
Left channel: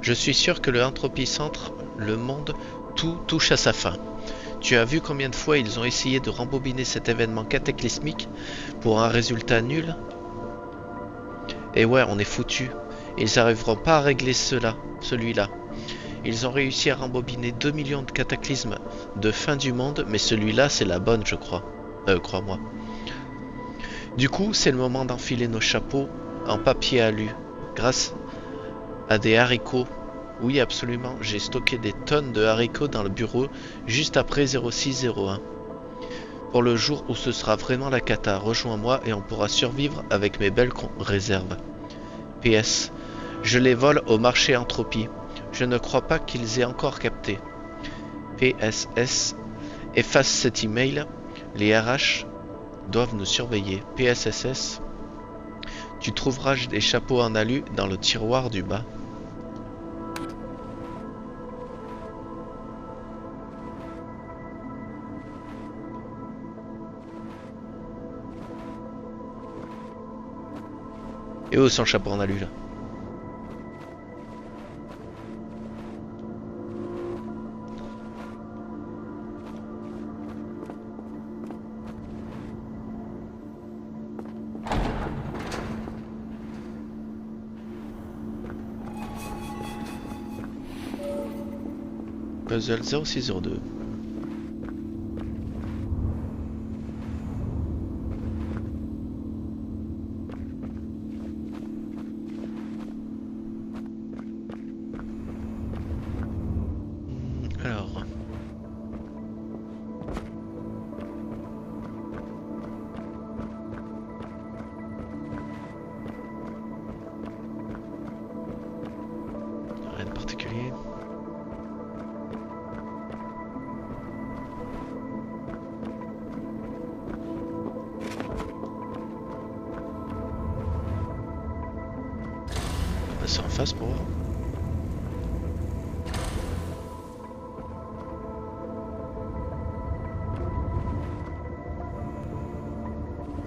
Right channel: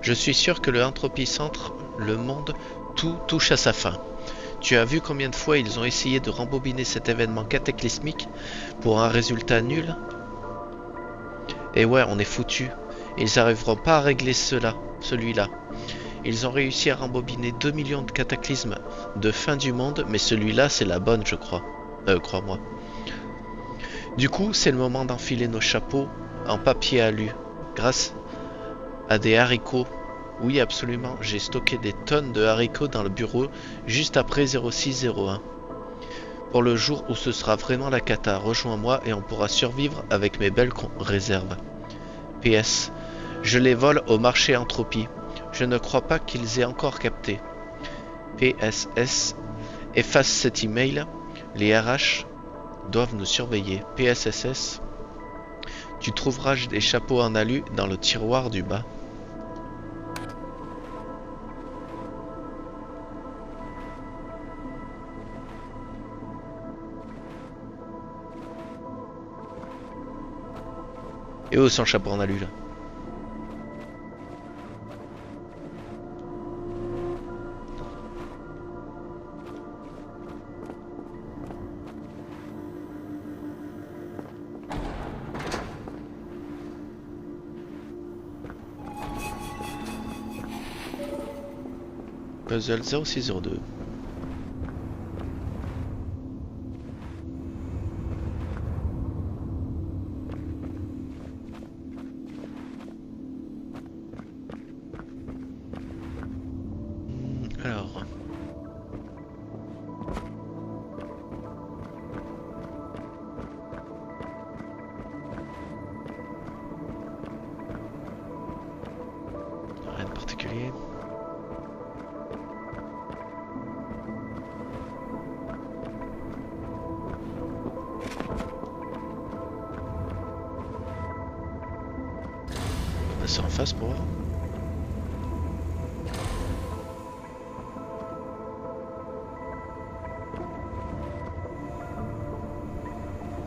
Je suis sûr que le Entropy Centre, le monde, tout touche à sa fin. Tu as vu combien de fois ils ont essayé de rembobiner cet événement cataclysmique pour un résultat nul? Et ouais, on est foutu. Ils n'arriveront pas à régler celui-là. Ils ont réussi à rembobiner 2 millions de cataclysmes de fin du monde, mais celui-là, c'est la bonne, je crois. crois-moi. Du coup, c'est le moment d'enfiler nos chapeaux en papier alu, grâce à des haricots. Oui, absolument, j'ai stocké des tonnes de haricots dans le bureau juste après 0601. Pour le jour où ce sera vraiment la cata, rejoins-moi et on pourra survivre avec mes belles réserves. PS, je les vole au marché Entropie. Je ne crois pas qu'ils aient encore capté. PSS, efface cet email. Les RH doivent nous surveiller. PSSS, tu trouveras des chapeaux en alu dans le tiroir du bas. Et où son chapeau en alu là? Puzzle 0602. Alors. Rien de particulier. On va passer en face pour voir.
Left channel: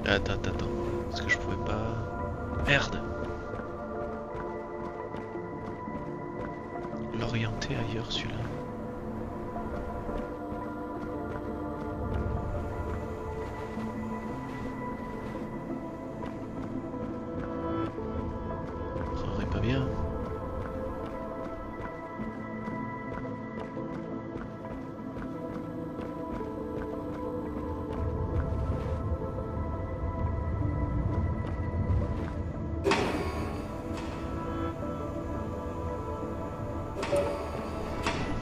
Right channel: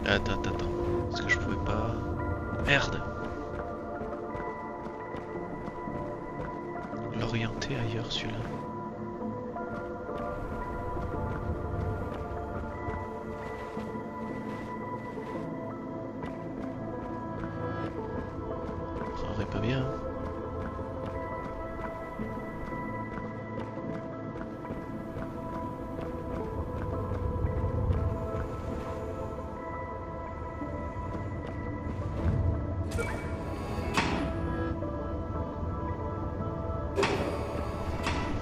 Attends. Est-ce que je pouvais pas... Merde! L'orienter ailleurs celui-là. Ça aurait pas bien.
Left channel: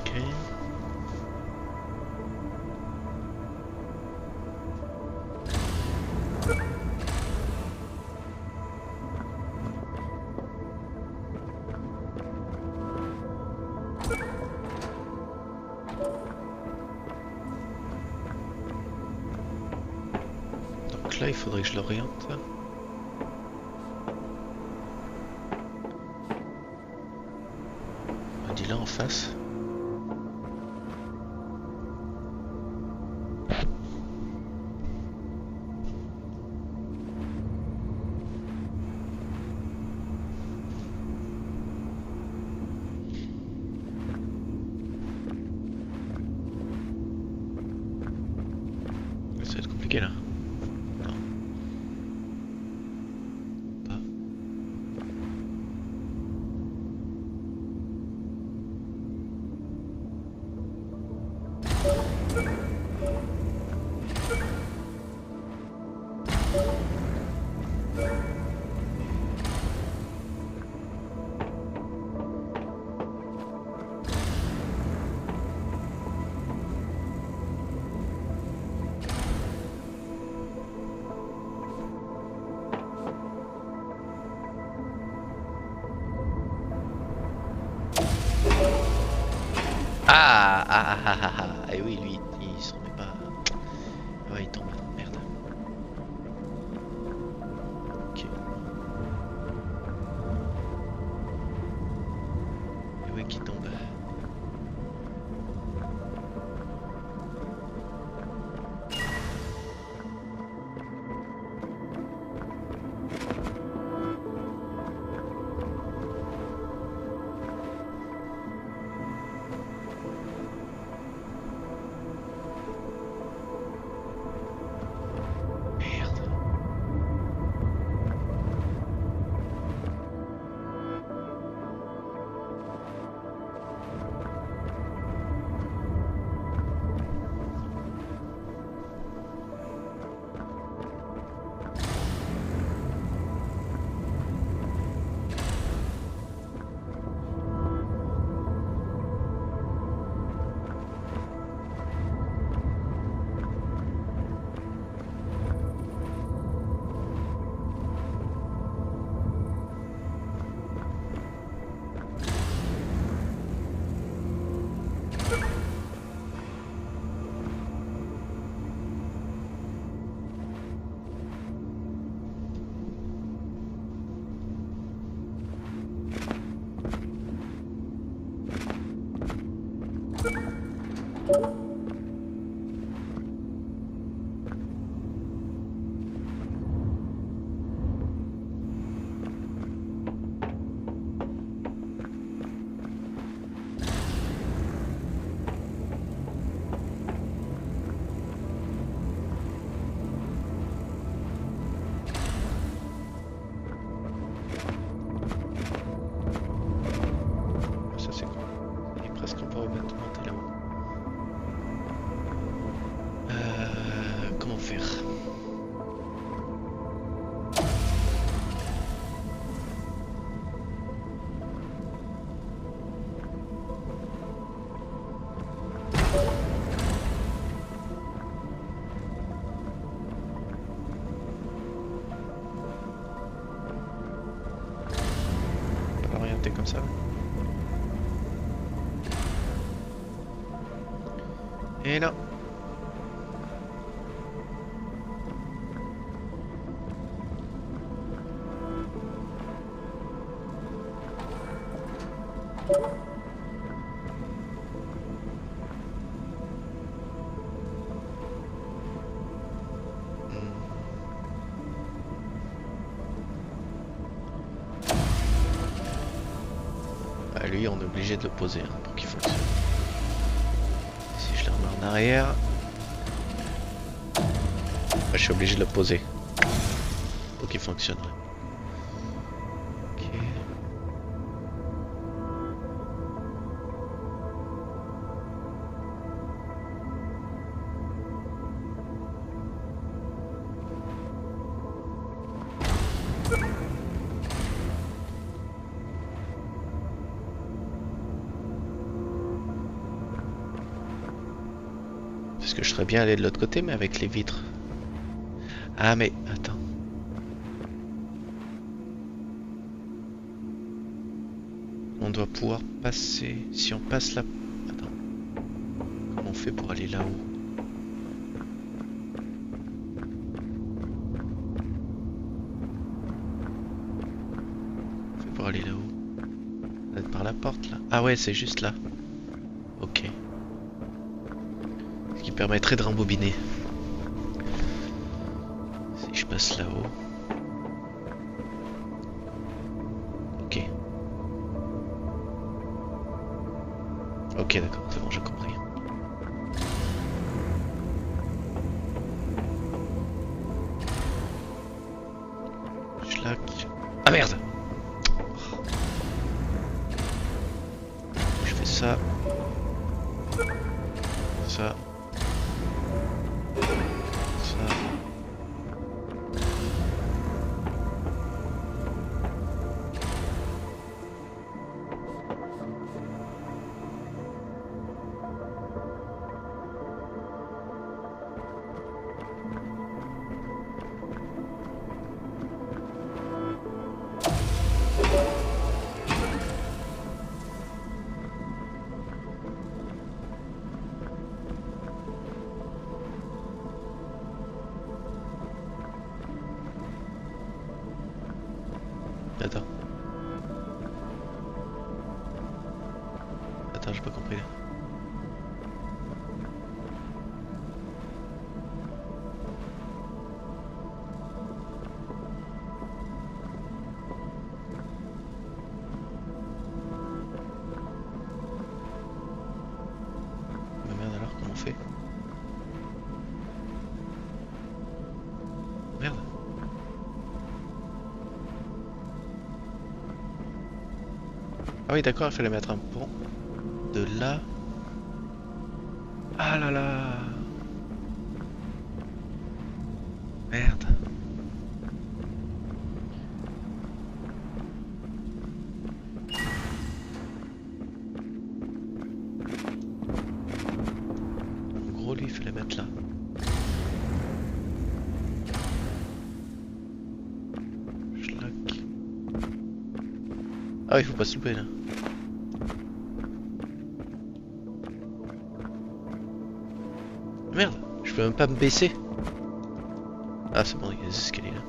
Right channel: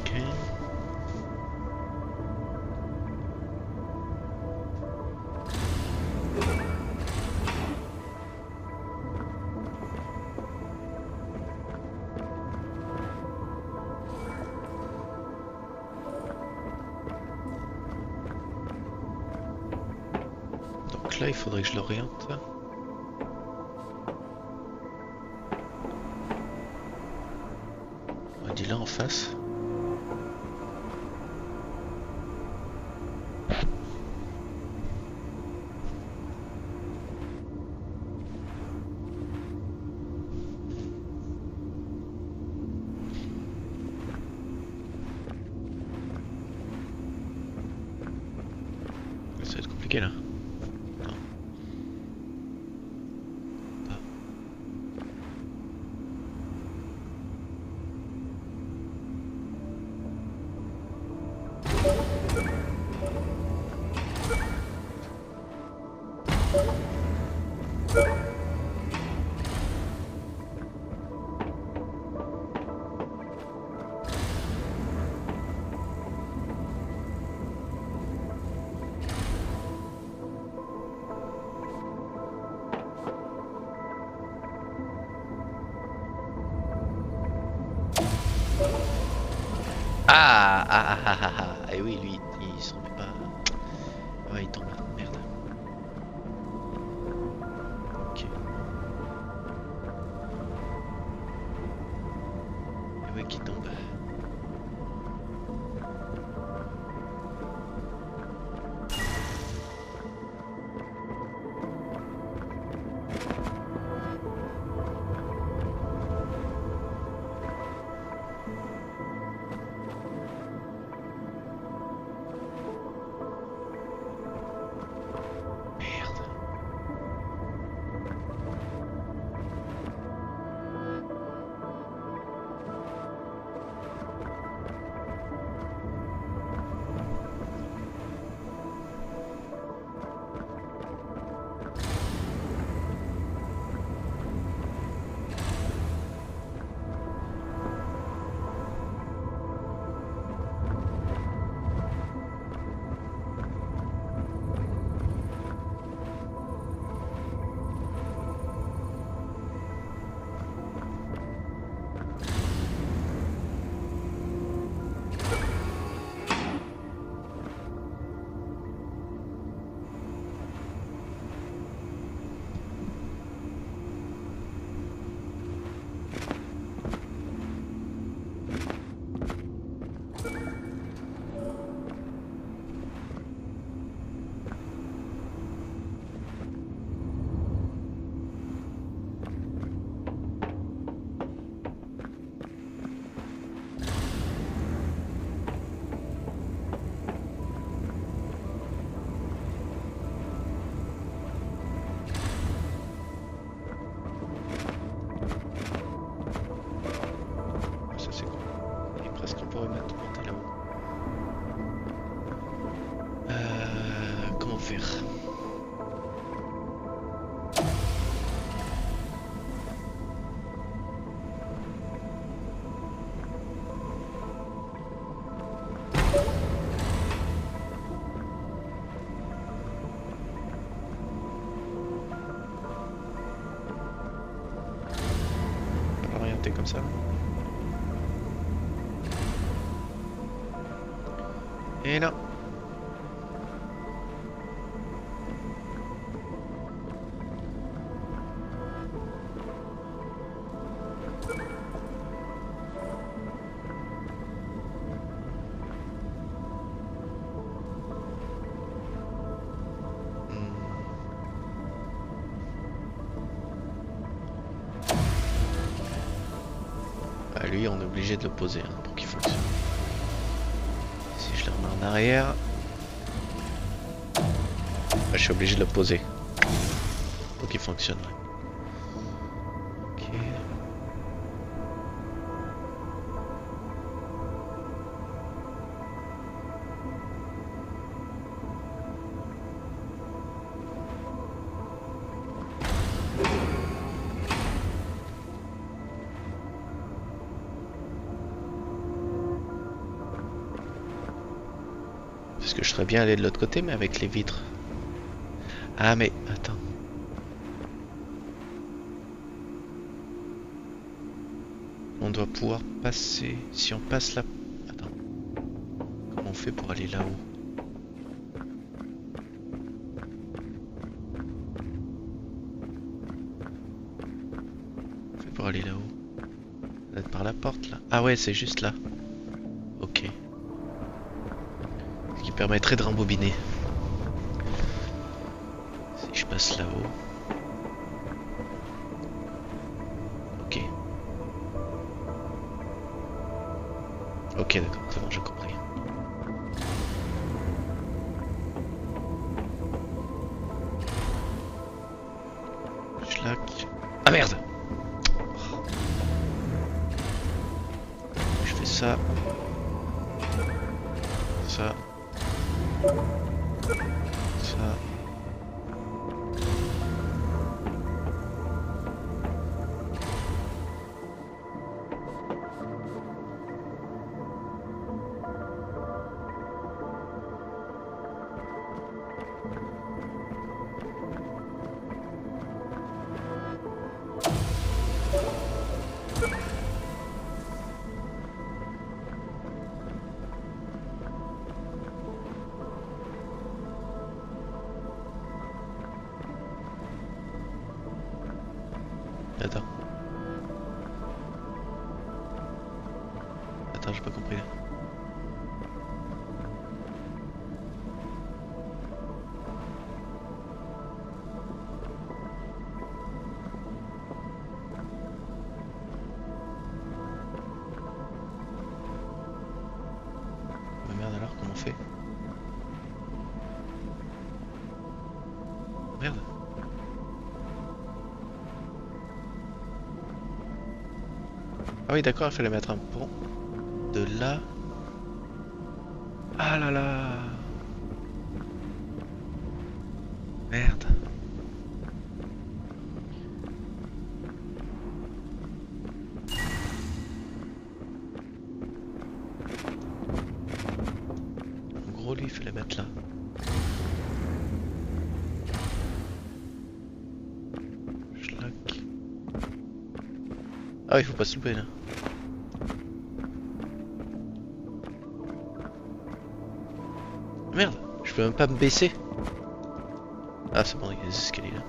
Ok. Donc là, il faudrait que je l'oriente. On dit là en face. Ça va être compliqué là. Non. Pas. Et oui, lui, il s'en met pas. Ouais, il tombe. Merde. Ok. Et ouais, qui tombe. Ça c'est cool. Et presque on pourrait monter là-haut. Comment faire? On va l'orienter comme ça. Et non. Bah, lui, on est obligé de le poser hein, pour qu'il fonctionne. Si je le remets en arrière, bah, je suis obligé de le poser pour qu'il fonctionne. Ok. Parce que je serais bien allé de l'autre côté, mais avec les vitres. Ah, mais attends. On doit pouvoir passer. Si on passe là. Attends. Comment on fait pour aller là-haut? On fait pour aller là-haut. On va être par la porte là. Ah ouais, c'est juste là. Ok. Ce qui permettrait de rembobiner. Si je passe là-haut. Ok. Ok, d'accord, c'est bon, j'ai compris. Schlack. Ah merde! Je fais ça. Ça. Ça. Attends. Attends, j'ai pas compris là. Mais merde alors, comment on fait? Merde. Ah oui d'accord, il fallait mettre un pont de là. Ah là là. Merde. En gros lui il fallait mettre là. Schlack. Ah oui, il faut pas se louper là. Merde, je peux même pas me baisser. Ah c'est bon, il y a des escaliers là.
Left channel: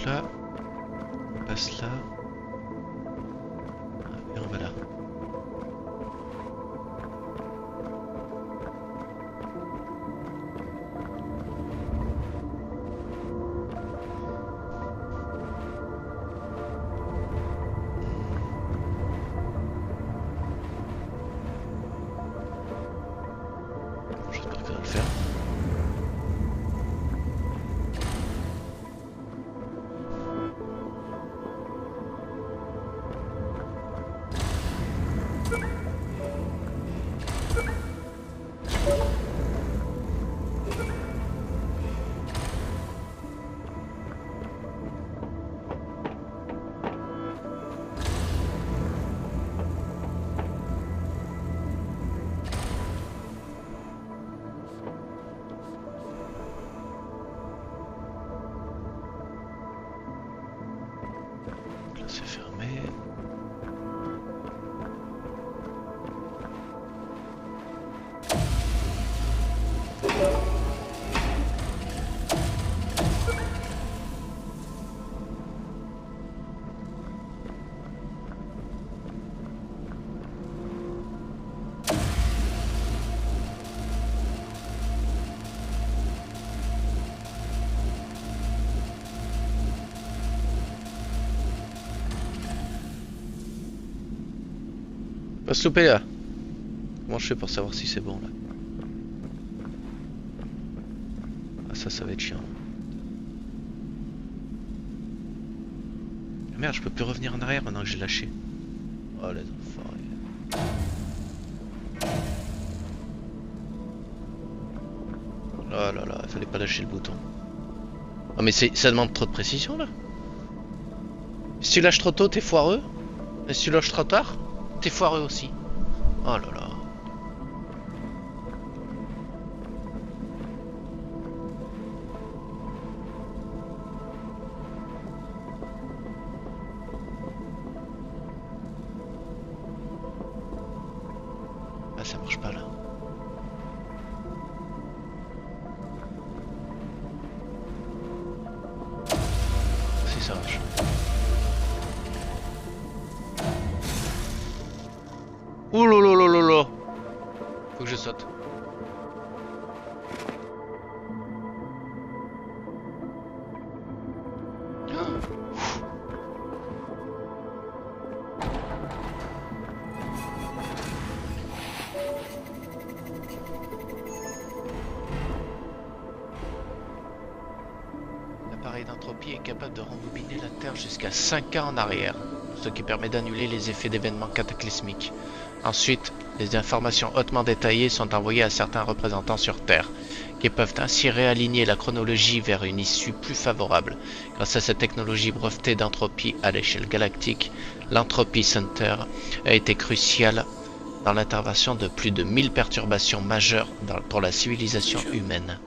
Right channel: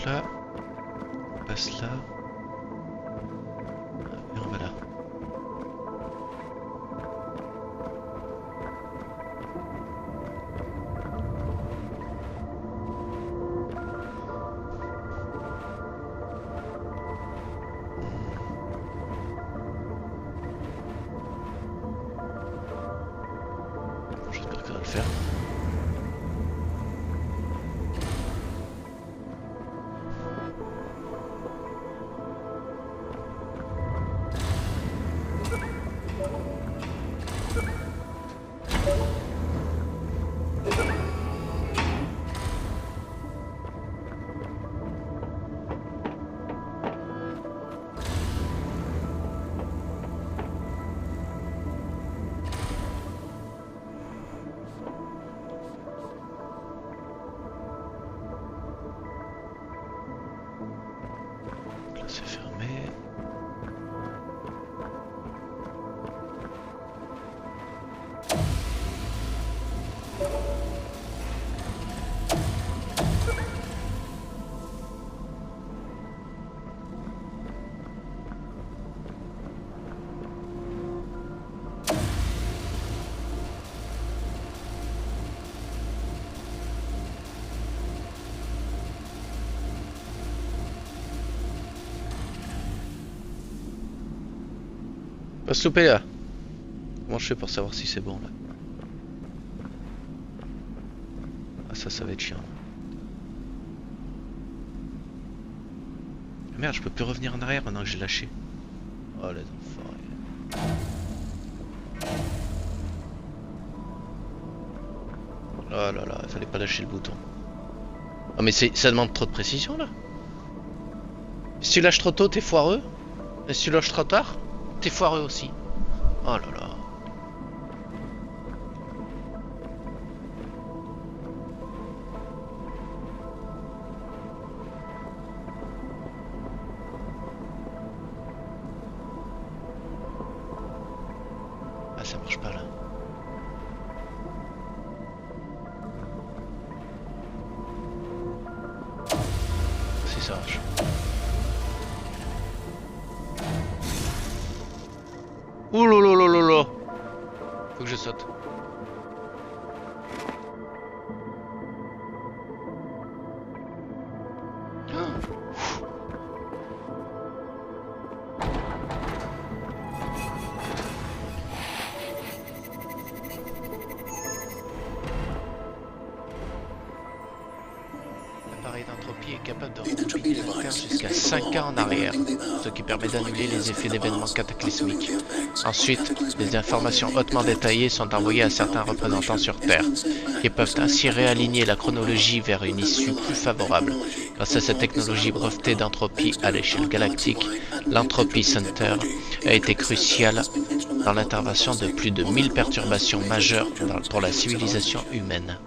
Donc là, on passe là. Et on va là. J'espère que ça va le faire. Là c'est fermé. Pas se louper là. Comment je fais pour savoir si c'est bon là? Ah ça va être chiant. Ah, merde, je peux plus revenir en arrière maintenant que j'ai lâché. Oh les enfoirés. Oh là là, il fallait pas lâcher le bouton. Oh mais ça demande trop de précision là. Si tu lâches trop tôt, t'es foireux. Et si tu lâches trop tard, t'es foireux aussi. Oh là là. Ah ça marche pas là. Si ça marche. Ouh là là là là là. Faut que je saute. L'appareil d'entropie est capable de rembobiner la Terre jusqu'à 5 ans en arrière, ce qui permet d'annuler les effets d'événements cataclysmiques. Ensuite, des informations hautement détaillées sont envoyées à certains représentants sur Terre, qui peuvent ainsi réaligner la chronologie vers une issue plus favorable. Grâce à cette technologie brevetée d'entropie à l'échelle galactique, l'Entropy Center a été crucial dans l'intervention de plus de 1000 perturbations majeures pour la civilisation humaine.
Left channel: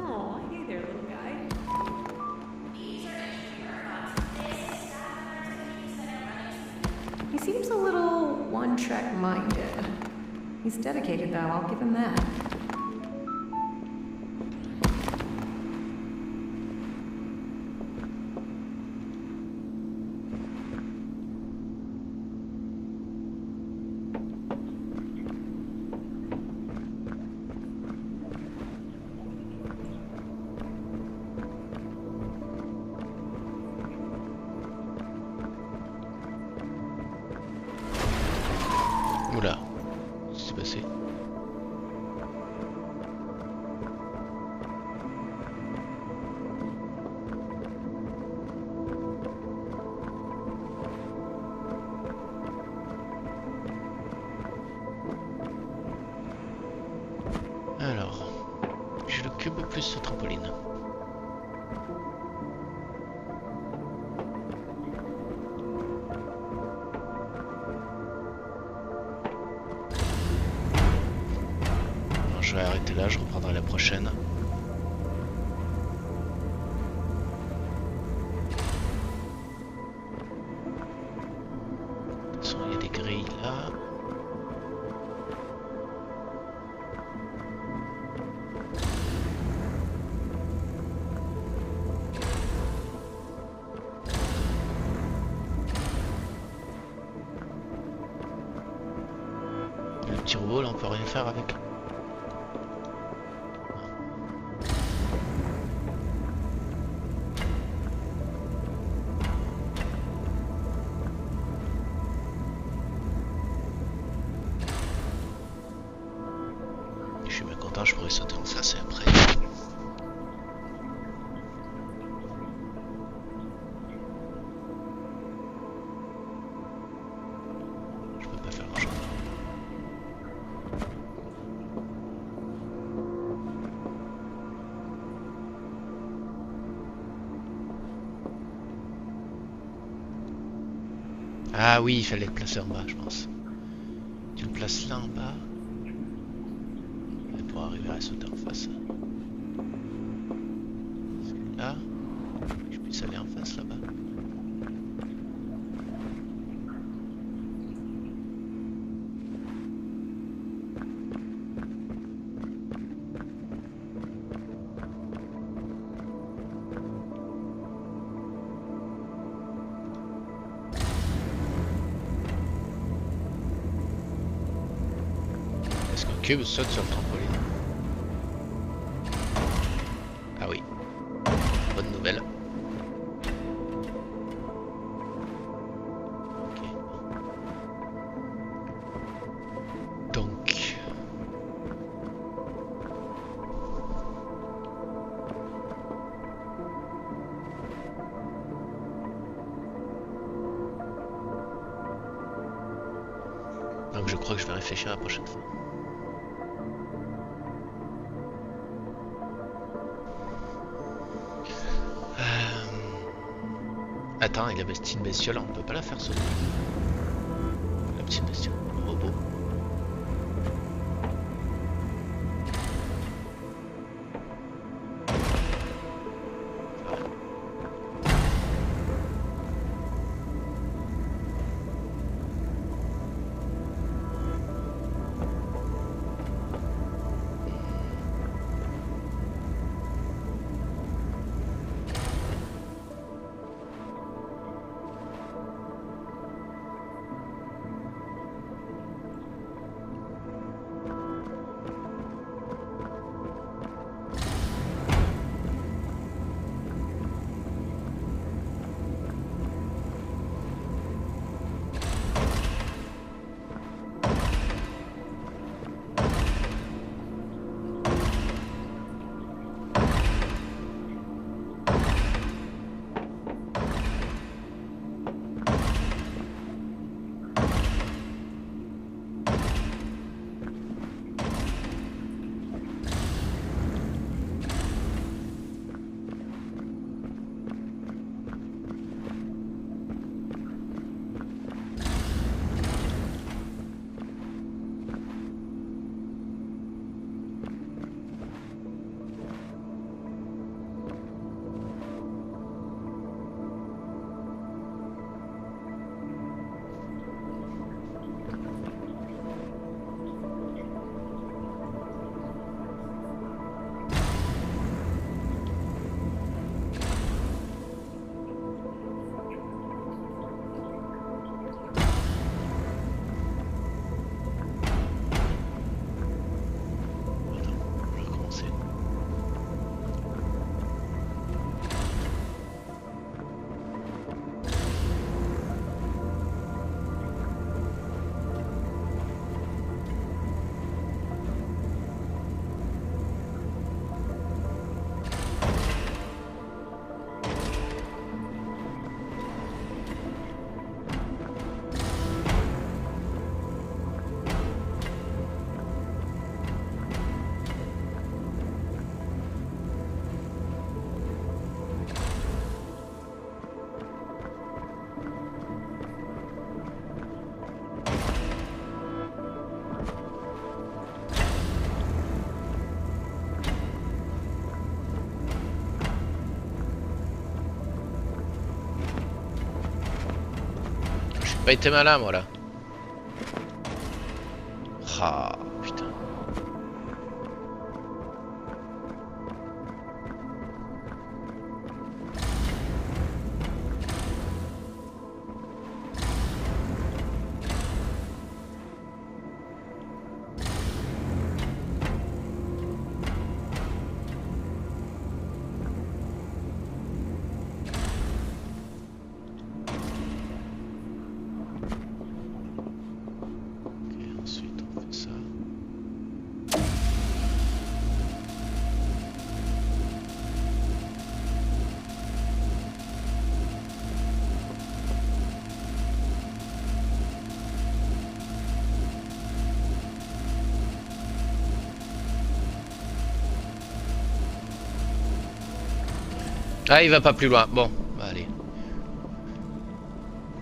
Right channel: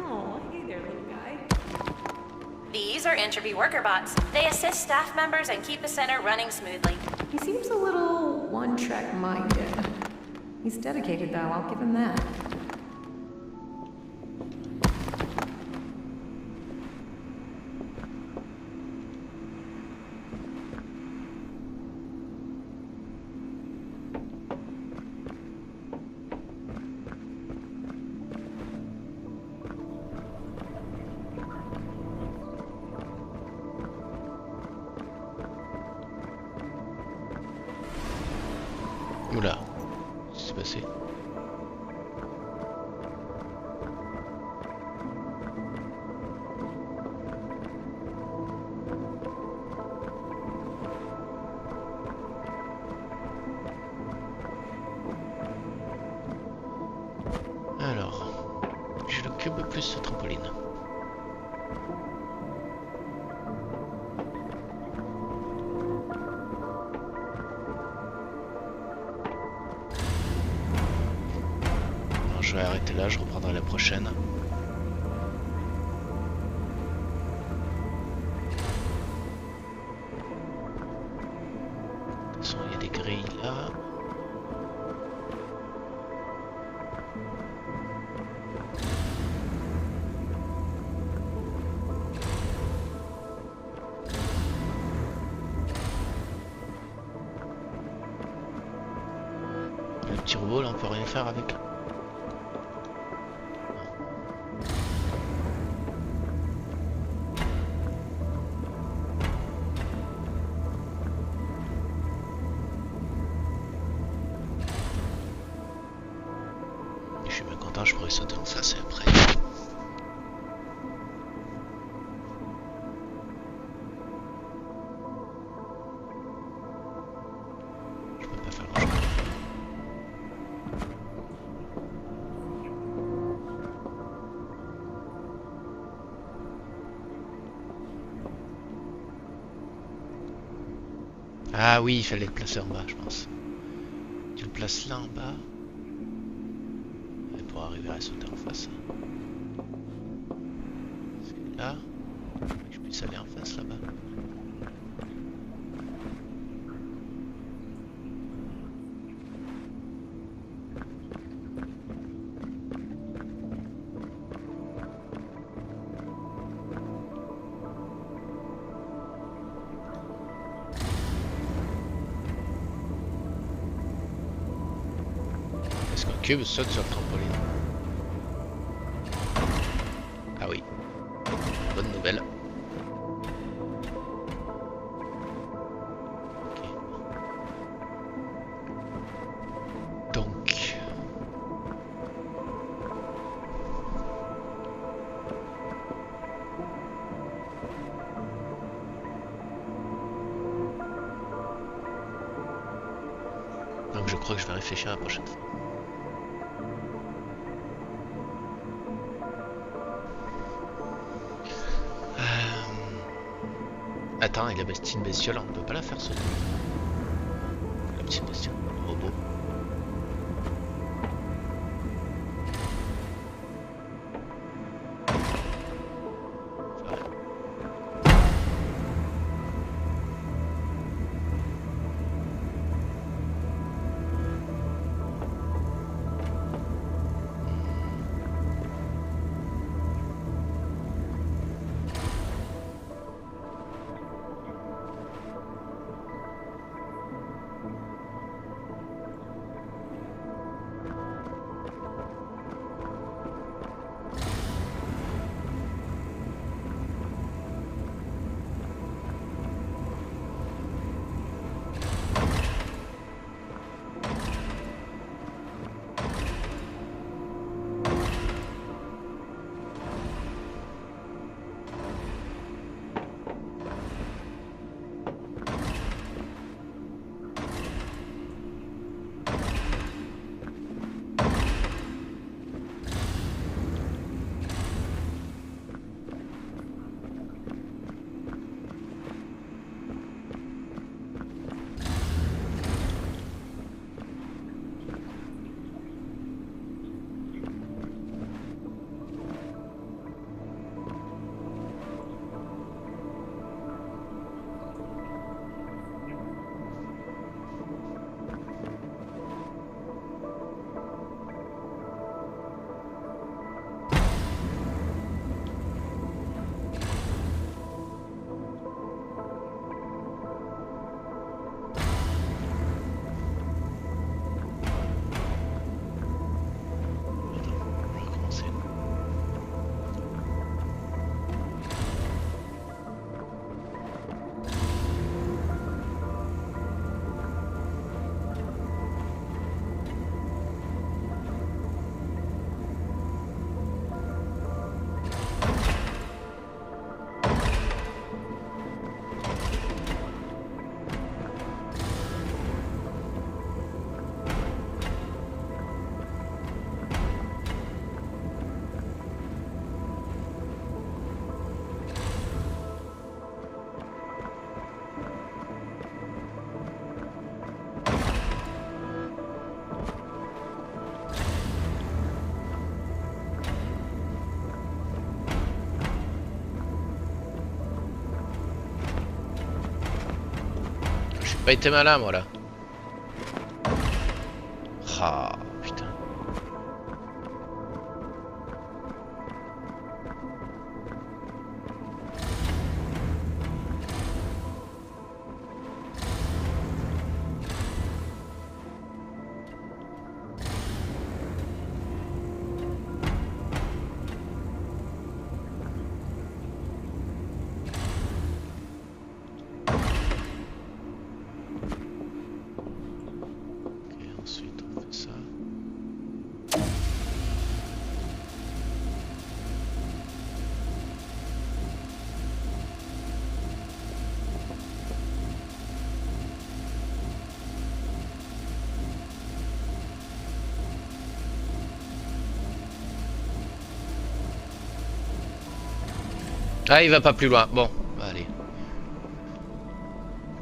Oh, hey there, little guy. These are Entropy worker bots. They assist staff members and keep the center running smoothly. He seems a little one-track minded. He's dedicated, though, I'll give him that. Oula, qu'est-ce qui s'est passé? Alors, j'ai le cube plus le trampoline. Je vais arrêter là, je reprendrai la prochaine. De toute façon, il y a des petit robot là, on peut rien faire avec. Je suis bien content, je pourrais sauter en face et après. Je peux pas faire grand chose. Ah oui, il fallait le placer en bas, je pense. Tu le places là en bas. Et pour arriver à sauter en face. Parce que là, je puisse aller en face là-bas. Est-ce qu'un cube saute sur le trampoline? Ah oui. Bonne nouvelle. Ok. Donc... Donc je crois que je vais réfléchir la prochaine fois. Attends, et la petite bestiole, on peut pas la faire sauter. La petite bestiole, le robot. Ça va. Pas été malin moi là. Ah putain. Ah, il va pas plus loin. Bon, bah, allez.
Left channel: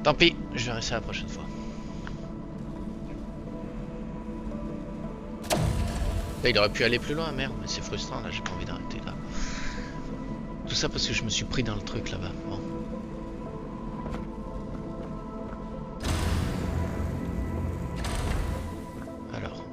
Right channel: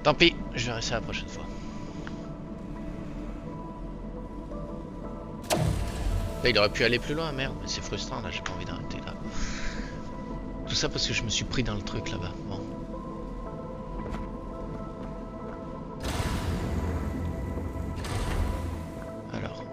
Tant pis, je verrai ça la prochaine fois. Là, il aurait pu aller plus loin, merde, mais c'est frustrant, là, j'ai pas envie d'arrêter, là. Tout ça parce que je me suis pris dans le truc, là-bas. Bon. Alors.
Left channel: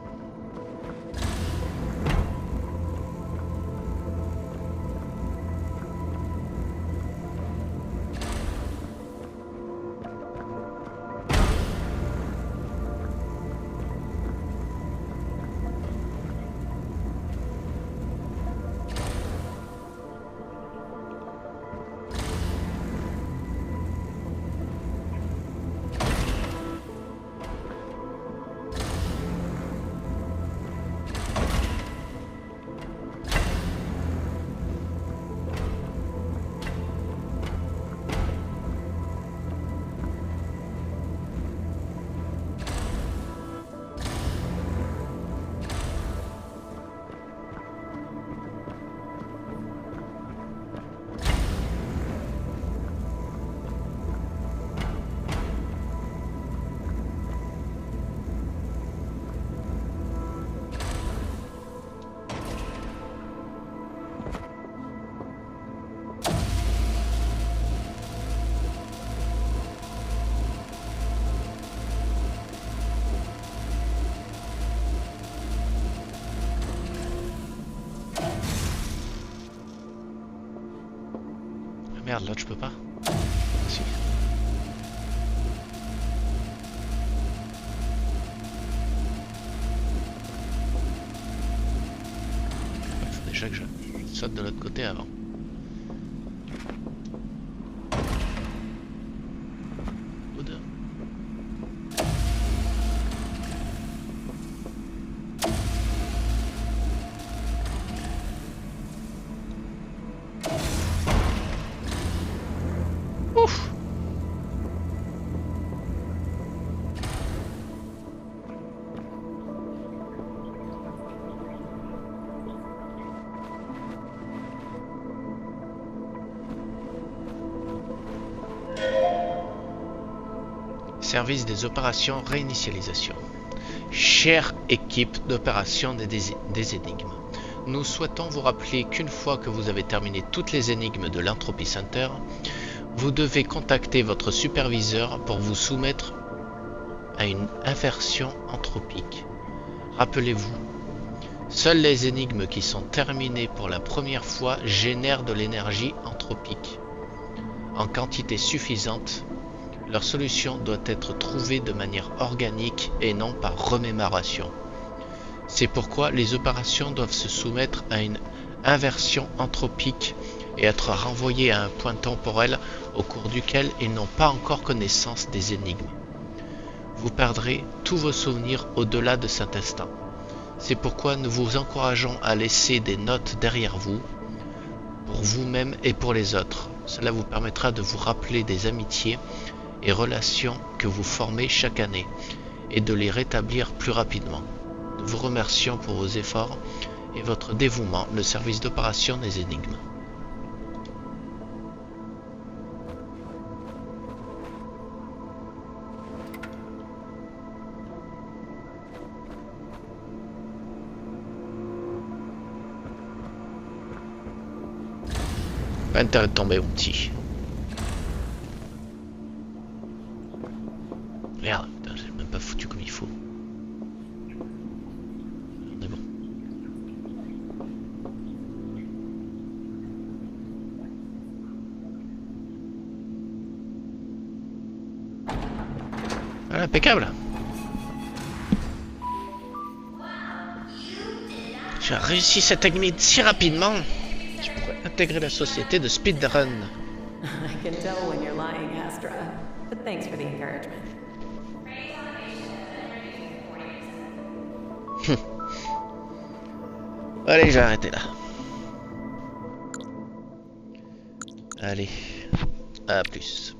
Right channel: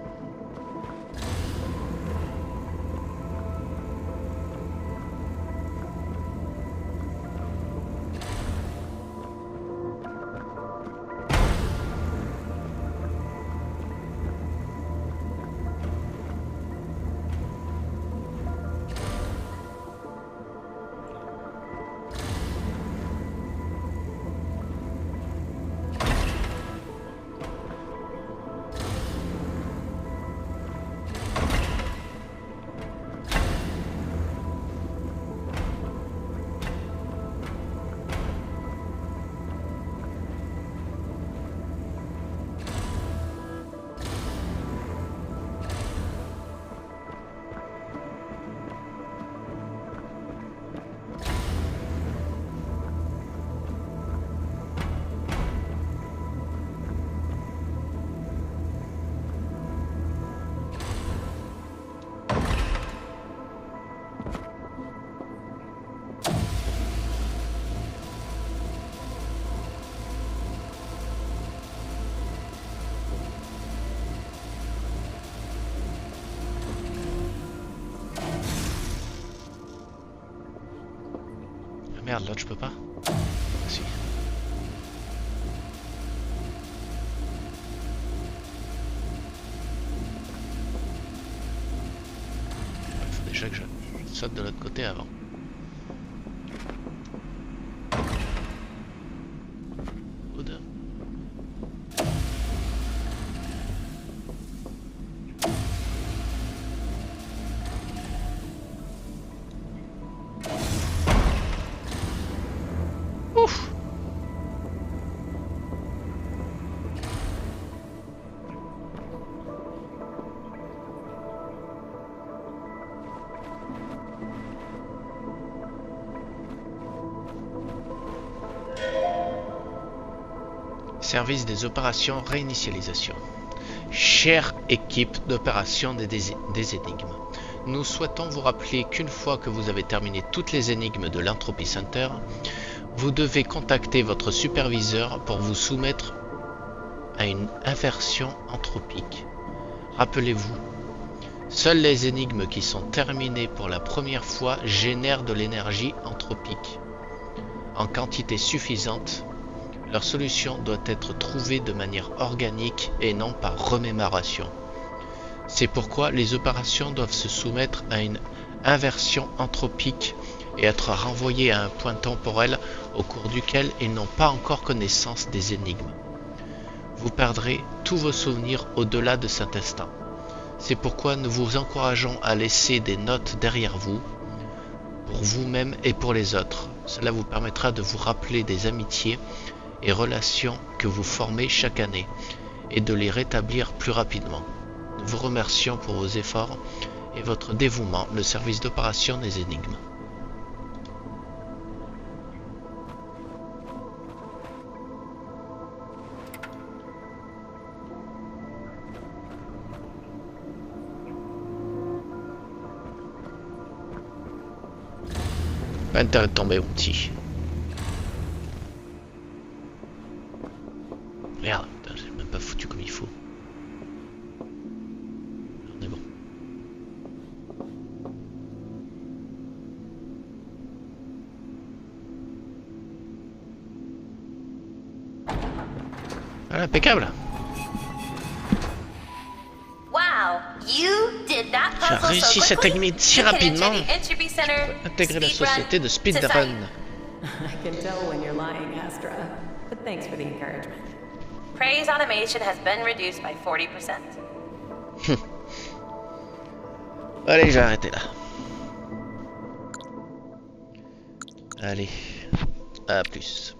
Merde, l'autre je peux pas. Ah, si. Il faut déjà que je saute de l'autre côté avant. Ou deux. Ouf. Service des opérations réinitialisation. Chère équipe d'opération des énigmes, nous souhaitons vous rappeler qu'une fois que vous avez terminé toutes les énigmes de l'Entropy Center, vous devez contacter votre superviseur pour vous soumettre à une inversion anthropique. Rappelez-vous, seules les énigmes qui sont terminées pour la première fois génèrent de l'énergie anthropique. En quantité suffisante, leur solution doit être trouvée de manière organique et non par remémoration. C'est pourquoi les opérations doivent se soumettre à une inversion anthropique et être renvoyées à un point temporel au cours duquel ils n'ont pas encore connaissance des énigmes. Vous perdrez tous vos souvenirs au-delà de cet instant. C'est pourquoi nous vous encourageons à laisser des notes derrière vous, pour vous-même et pour les autres. Cela vous permettra de vous rappeler des amitiés et relations que vous formez chaque année et de les rétablir plus rapidement. Nous vous remercions pour vos efforts et votre dévouement, le service d'opération des énigmes. Pas intérêt de tomber, mon petit. Merde, j'ai même pas foutu comme il faut. On est bon. Voilà, impeccable. J'ai réussi cette énigme si rapidement. Je pourrais intégrer la société de speedrun. I can tell when you're lying, Astra. But thanks for the encouragement. Praise automation has been reduced by 40%. Allez, j'ai arrêté là. Allez, à plus.